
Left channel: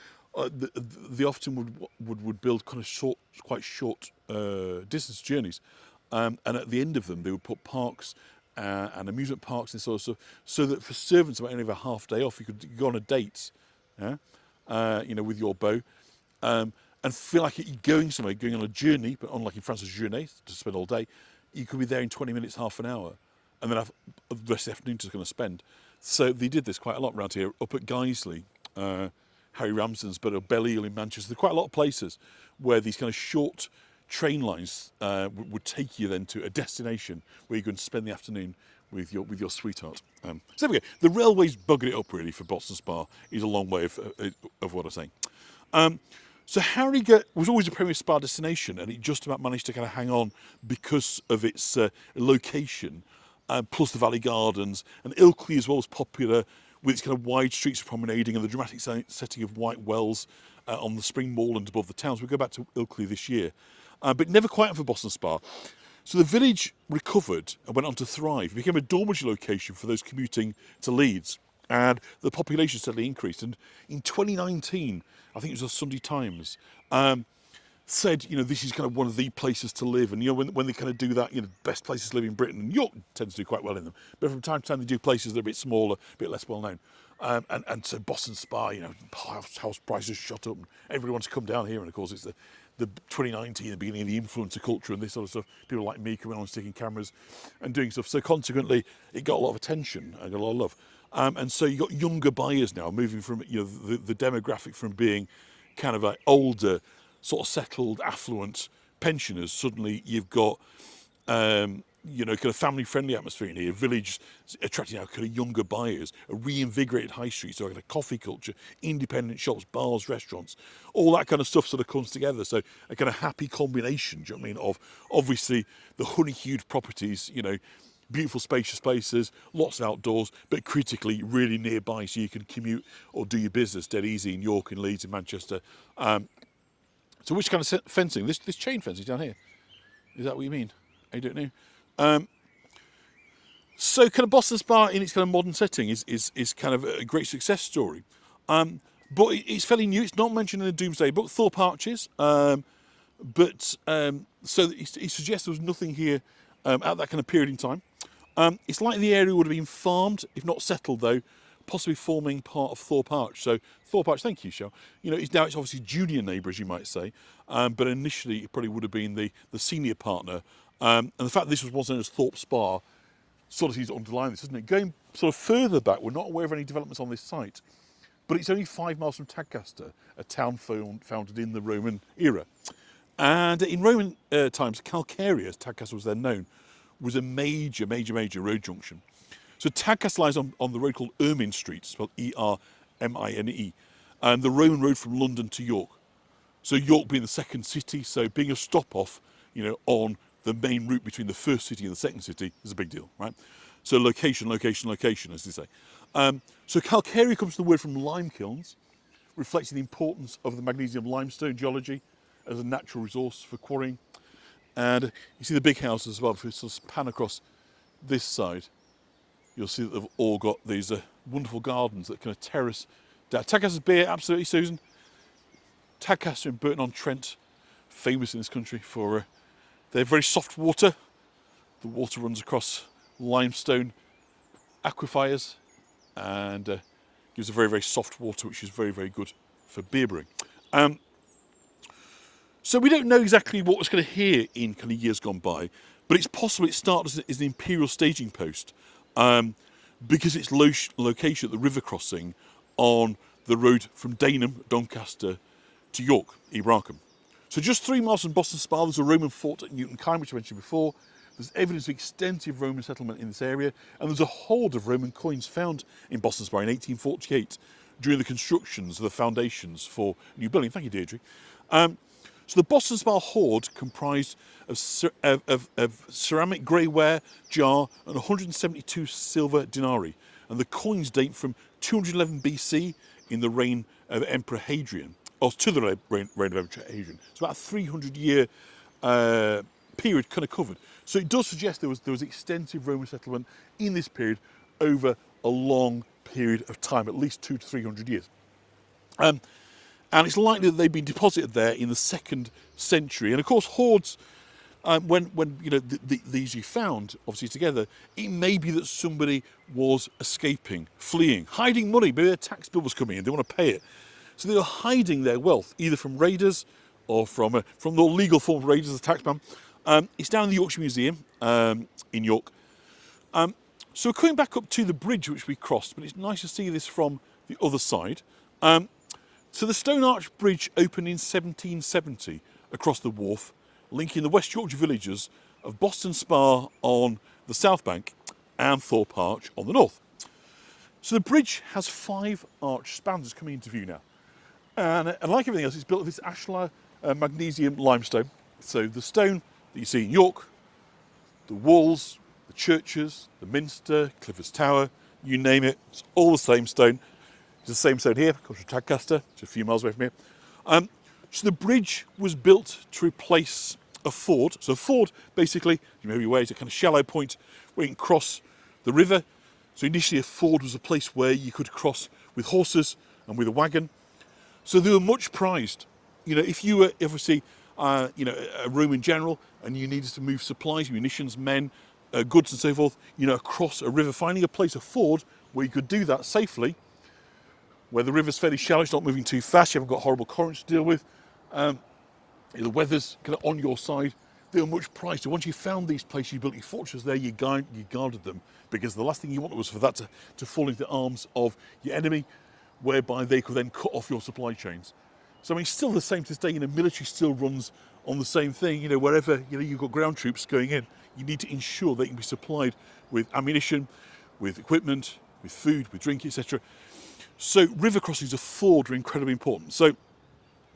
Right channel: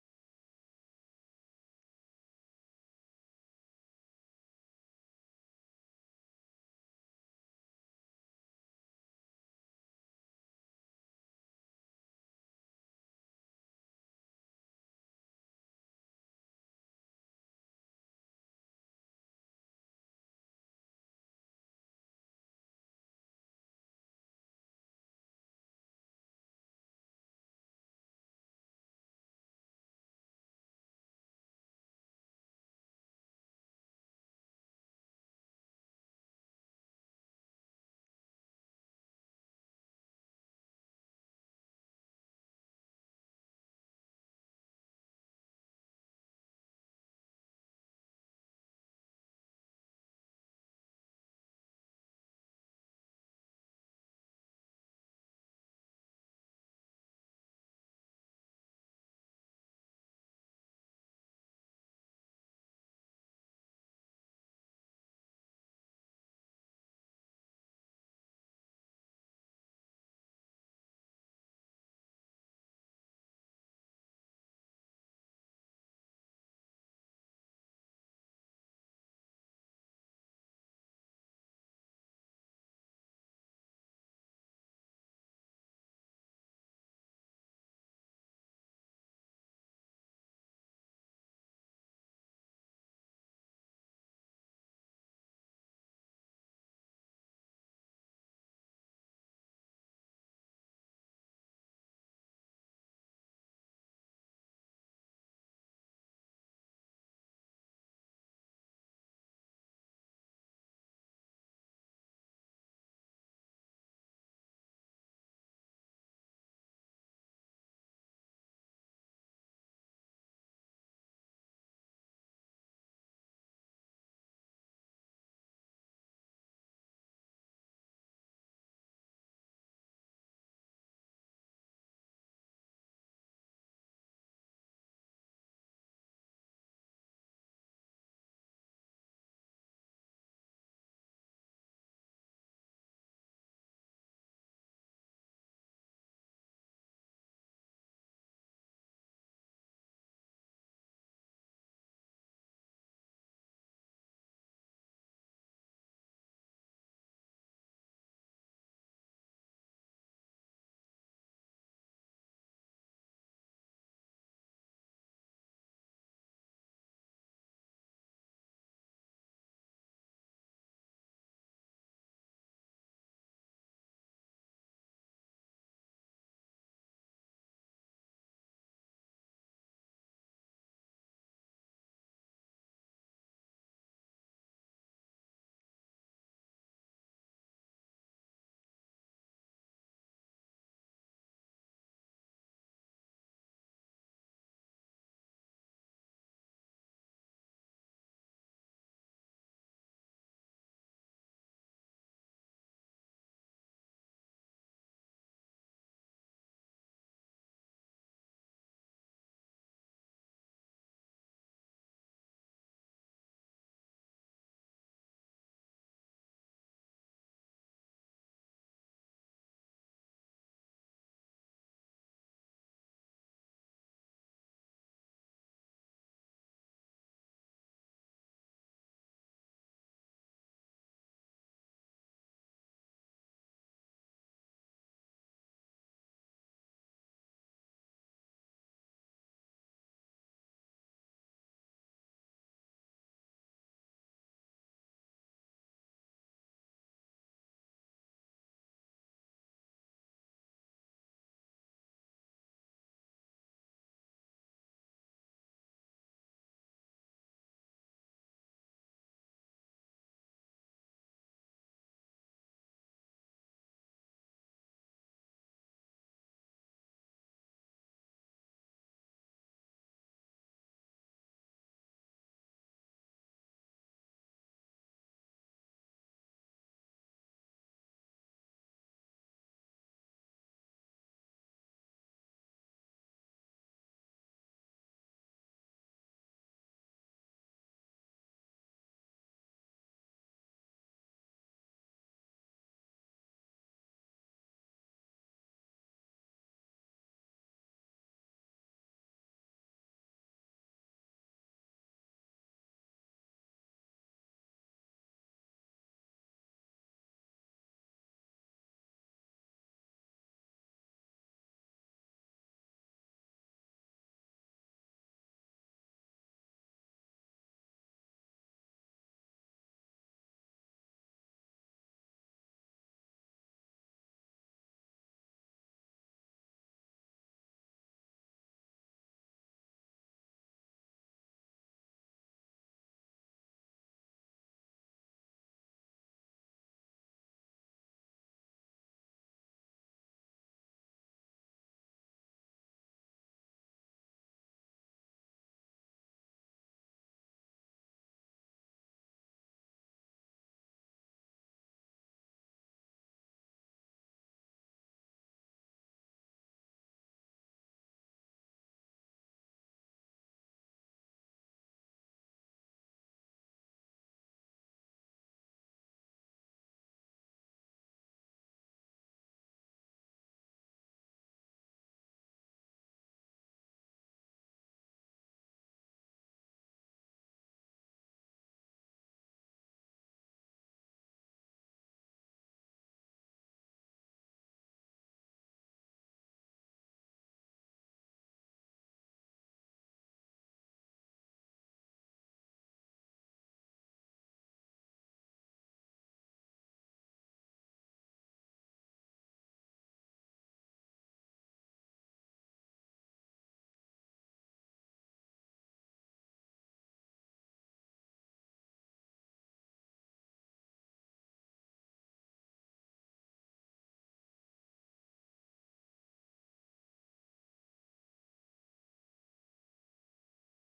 they often would build kind of quite short distance journeys, and at the end of them they would put parks and amusement parks and sort of stuff, so that for servants who might only have a half day off, you could go on a date, you know, with your beau, and feel like you're going somewhere, going on a journey, but unlike in France, a journée, to spend all day, you could be there in 20 minutes, half an hour, and then have the rest of the afternoon to kind of spend. So they did this quite a lot around here, up at Guiseley, Harry Ramsden's, but at Belle-Isle in Manchester. There are quite a lot of places where these kind of short train lines would take you then to a destination where you can spend the afternoon with your sweetheart. So there we go. The railways buggered it up really for Boston Spa is a long way of what I'm saying. So Harrogate was always a premier spa destination, and it just about managed to kind of hang on because of its location, plus the Valley Gardens, and Ilkley as well was popular with its kind of wide streets of promenading and the dramatic setting of white wells on the spring moorland above the towns. We'll go back to Ilkley this year, but never quite for Boston Spa. So the village recovered and went on to thrive. It became a dormitory location for those commuting to Leeds, and the population steadily increased. And in 2019, I think it was the Sunday Times, said, you know, this is kind of one of the places to live. And, you know, when they kind of do that, you know, best places to live in Britain, and York tends to do quite well in them. But from time to time, they do places that are a bit smaller, a bit less well known. And so Boston Spa, you know, house prices shot up, and everybody wants to come down here. And of course, it's the 2019, the beginning of the influencer culture and this sort of stuff. People like me coming on sticking cameras and doing stuff. So consequently, it got a lot of attention and got a lot of love. And so you got younger buyers now moving from, you know, the demographic from being kind of like older, sort of settled, affluent pensioners. Suddenly you've got, you know, kind of family-friendly atmosphere in here. Village attracting now kind of younger buyers, a reinvigorated high street, so kind of coffee culture, independent shops, bars, restaurants, all that kind of stuff sort of comes together. So a kind of happy combination, do you know what I mean, of obviously the honey-hued properties, you know, beautiful spacious places, lots of outdoors, but critically really nearby, so you can commute or do your business dead easy in York and Leeds and Manchester. So which kind of fencing? This chain fencing down here. Is that what you mean? I don't know. So kind of Boston Spa in its kind of modern setting is kind of a great success story. But it's fairly new. It's not mentioned in the Doomsday Book. Thorpe Arches. But so he suggests there was nothing here at that kind of period in time. It's like the area would have been farmed, if not settled though, possibly forming part of Thorpe Arch. So Thorpe Arch, thank you, Shell. You know, it's obviously junior neighbour, as you might say, but initially it probably would have been the senior partner. And the fact that this was once known as Thorpe Spa sort of seems to underline this, doesn't it? Going sort of further back, we're not aware of any developments on this site, but it's only 5 miles from Tadcaster, a town founded in the Roman era. And in Roman times, Calcaria, as Tadcaster was then known, was a major road junction. So Tadcaster lies on the road called Ermine Street, spelled E-R-M-I-N-E, and the Roman road from London to York. So York being the second city, so being a stop-off, on the main route between the first city and the second city is a big deal, right? So location, as they say. So Calcaria comes from the word from lime kilns, reflecting the importance of the magnesium limestone geology as a natural resource for quarrying. And you see the big houses as well. If we sort of pan across this side, you'll see that they've all got these wonderful gardens that kind of terrace down. Tadcaster's beer, absolutely, Susan. Tadcaster in Burton-on-Trent, famous in this country for their very soft water. The water runs across limestone aquifers and gives a very soft water, which is very good for beer brewing. So we don't know exactly what was going to hear in kind of years gone by, but it's possible it started as an imperial staging post because its location at the river crossing on the road from Dagenham, Doncaster to York, Ibrahim. So just 3 miles from Boston Spa, there's a Roman fort at Newton Kine, which I mentioned before. There's evidence of extensive Roman settlement in this area, and there's a hoard of Roman coins found in Boston Spa in 1848 during the constructions of the foundations for new building. Thank you, Deirdre. So the Boston Spa hoard comprised of ceramic greyware, jar, and 172 silver denarii, and the coins date from 211 BC in the reign of Emperor Hadrian, or to the reign of Emperor Hadrian. It's about a 300-year period kind of covered. So it does suggest there was extensive Roman settlement in this period over a long period of time, at least 200 to 300 years. And it's likely that they've been deposited there in the 2nd century. And of course, hoards, when these you found, obviously together, it may be that somebody was escaping, fleeing, hiding money. Maybe their tax bill was coming in, they want to pay it. So they were hiding their wealth, either from raiders or from the legal form of raiders, the taxman. It's down in the Yorkshire Museum in York. So we're coming back up to the bridge which we crossed, but it's nice to see this from the other side. So the Stone Arch Bridge opened in 1770 across the wharf, linking the West Yorkshire villages of Boston Spa on the south bank and Thorpe Arch on the north. So the bridge has 5 arch spans coming into view now. And like everything else, it's built of this ashlar magnesium limestone. So the stone that you see in York, the walls, the churches, the minster, Clifford's Tower, you name it, it's all the same stone. It's the same stone here, comes from Tadcaster, just a few miles away from here. So the bridge was built to replace a ford. So a ford, basically, you may be aware, is a kind of shallow point where you can cross the river. So initially a ford was a place where you could cross with horses and with a wagon. So they were much prized. If you were obviously, a Roman general and you needed to move supplies, munitions, men, goods and so forth, across a river, finding a place, a ford, where you could do that safely, where the river's fairly shallow, it's not moving too fast, you haven't got horrible currents to deal with, the weather's kind of on your side, they were much prized. So once you found these places, you built your fortresses there, you guarded them, because the last thing you wanted was for that to fall into the arms of your enemy, whereby they could then cut off your supply chains. So I mean, still the same to this day, military still runs on the same thing, wherever, you've got ground troops going in, you need to ensure they can be supplied with ammunition, with equipment, with food, with drink, etc. So river crossings of ford are incredibly important. So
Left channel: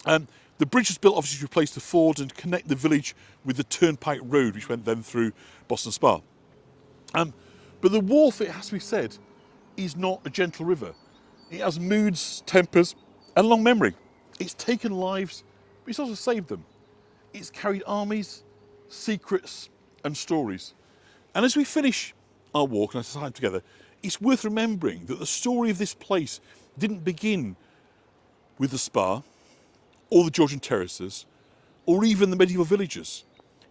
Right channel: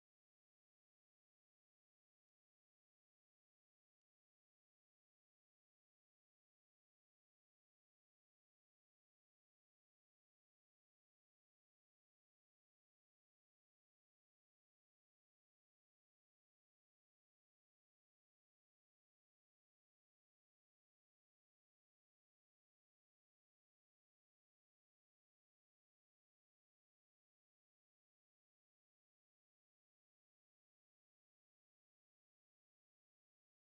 the bridge was built obviously to replace the ford and connect the village with the turnpike road, which went then through Boston Spa. But the wharf, it has to be said, is not a gentle river. It has moods, tempers, and long memory. It's taken lives, but it's also saved them. It's carried armies, secrets, and stories. And as we finish our walk and our time together, it's worth remembering that the story of this place didn't begin with the Spa, or the Georgian terraces, or even the medieval villages.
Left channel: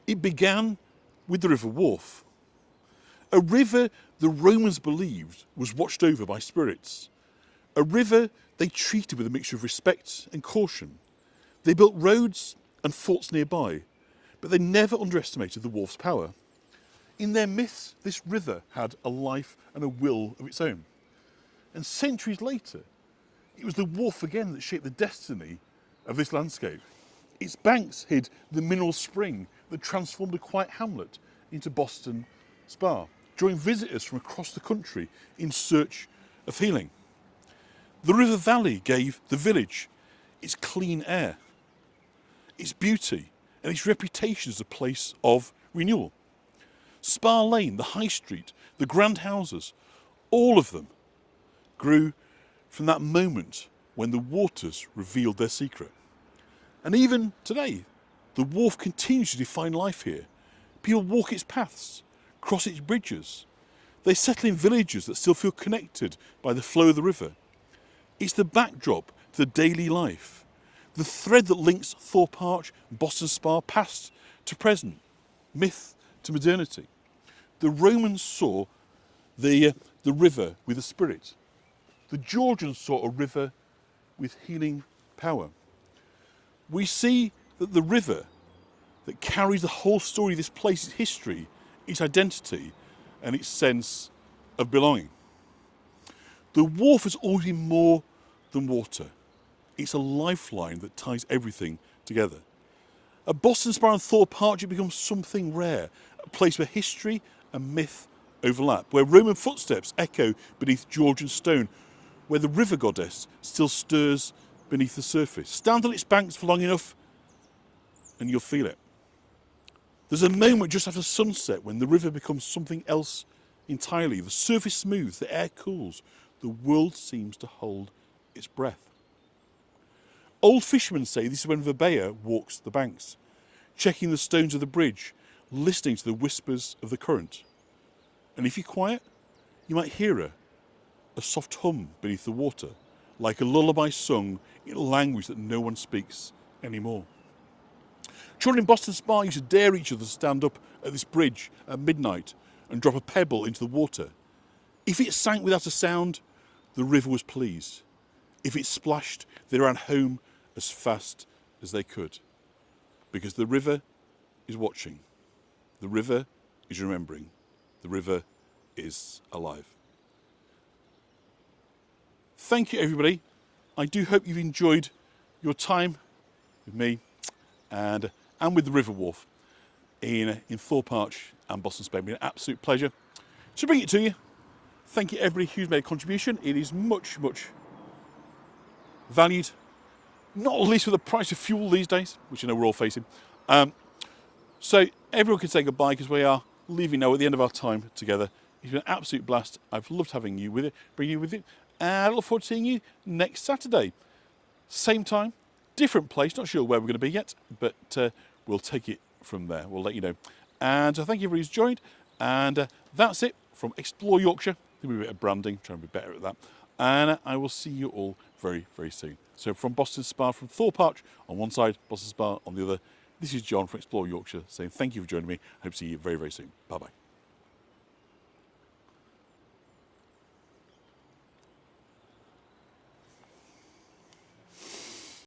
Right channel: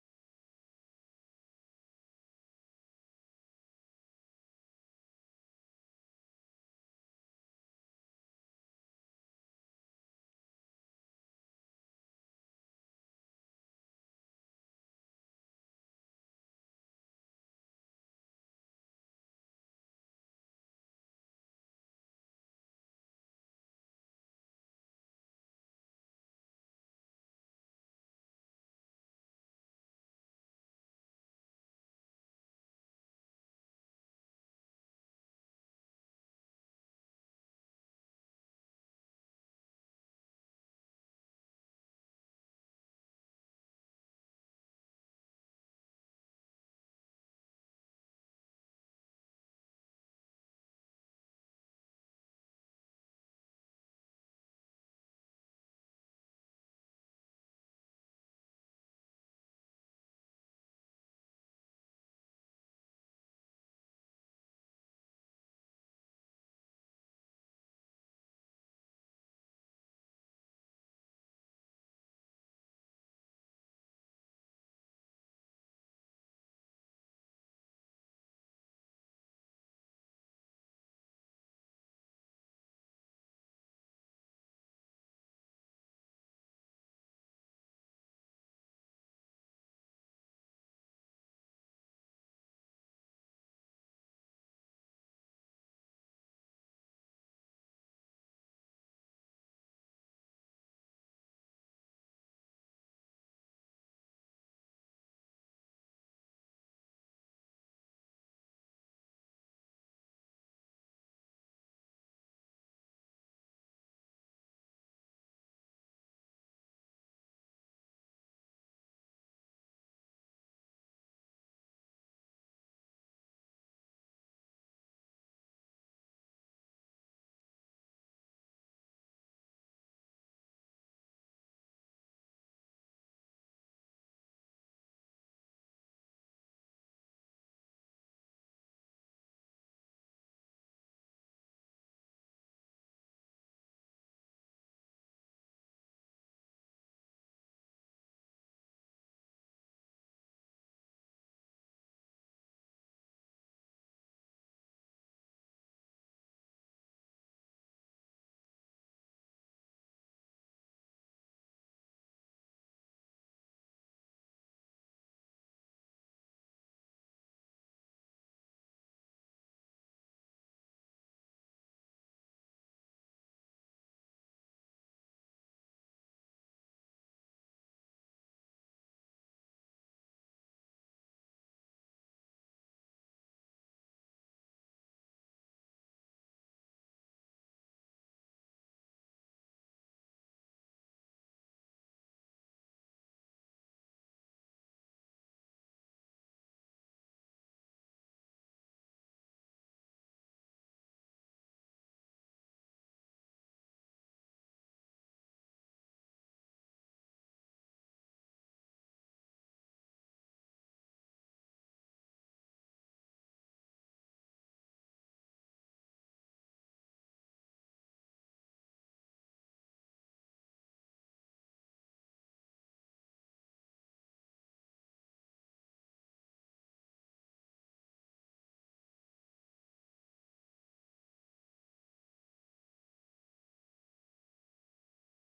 It began with the River Wharfe, a river the Romans believed was watched over by spirits, a river they treated with a mixture of respect and caution. They built roads and forts nearby, but they never underestimated the wharf's power. In their myths, this river had a life and a will of its own. And centuries later, it was the wharf again that shaped the destiny of this landscape. Its banks hid the mineral spring that transformed a quiet hamlet into Boston Spa, drawing visitors from across the country in search of healing. The river valley gave the village its clean air, its beauty, and its reputation as a place of renewal. Spa Lane, the High Street, the grand houses, all of them grew from that moment when the waters revealed their secret. And even today, the wharf continues to define life here. People walk its paths, cross its bridges. They settle in villages that still feel connected by the flow of the river. It's the backdrop to the daily life, the thread that links Thorpe Arch, Boston Spa, past to present, myth to modernity. The Romans saw the river with a spirit. The Georgians saw a river with healing power. We see that the river that carries the whole story of this place, its history, its identity, and its sense of belonging. The wharf has always been more than water. It's a lifeline that ties everything together. At Boston Spa and Thorpe Arch, it becomes something rare, a place where history and myth overlap, where Roman footsteps echo beneath Georgian stone, where the river goddess still stirs beneath the surface. Stand on its banks for long enough and you'll feel it. There's a moment just after sunset when the river becomes something else entirely. The surface smooths, the air cools, the world seems to hold its breath. Old fishermen say this is when Verbea walks the banks, checking the stones of the bridge, listening to the whispers of the current. And if you're quiet, you might hear a soft hum beneath the water, like a lullaby sung in a language that no one speaks anymore. Children in Boston Spa used to dare each other to stand up at this bridge at midnight and drop a pebble into the water. If it sank without a sound, the river was pleased. If it splashed, they ran home as fast as they could. Because the river is watching. The river is remembering. The river is alive. Thank you, everybody. I do hope you've enjoyed your time with me and with the River Wharf in Thorpe Arch and Boston Spa. It's been an absolute pleasure to bring it to you. Thank you, everybody who's made a contribution. It is much, much valued, not least with the price of fuel these days, which I know we're all facing. So everyone can say goodbye because we are leaving now at the end of our time together. It's been an absolute blast. I've loved having you with it, bringing you with it. And I look forward to seeing you next Saturday. Same time, different place. Not sure where we're going to be yet, but we'll take it from there. We'll let you know. And thank you everybody who's joined. And that's it from Explore Yorkshire. Do a bit of branding, try and be better at that. And I will see you all very, very soon. So from Boston Spa, from Thorpe Arch on one side, Boston Spa on the other, this is John from Explore Yorkshire saying thank you for joining me. I hope to see you very, very soon. Bye-bye.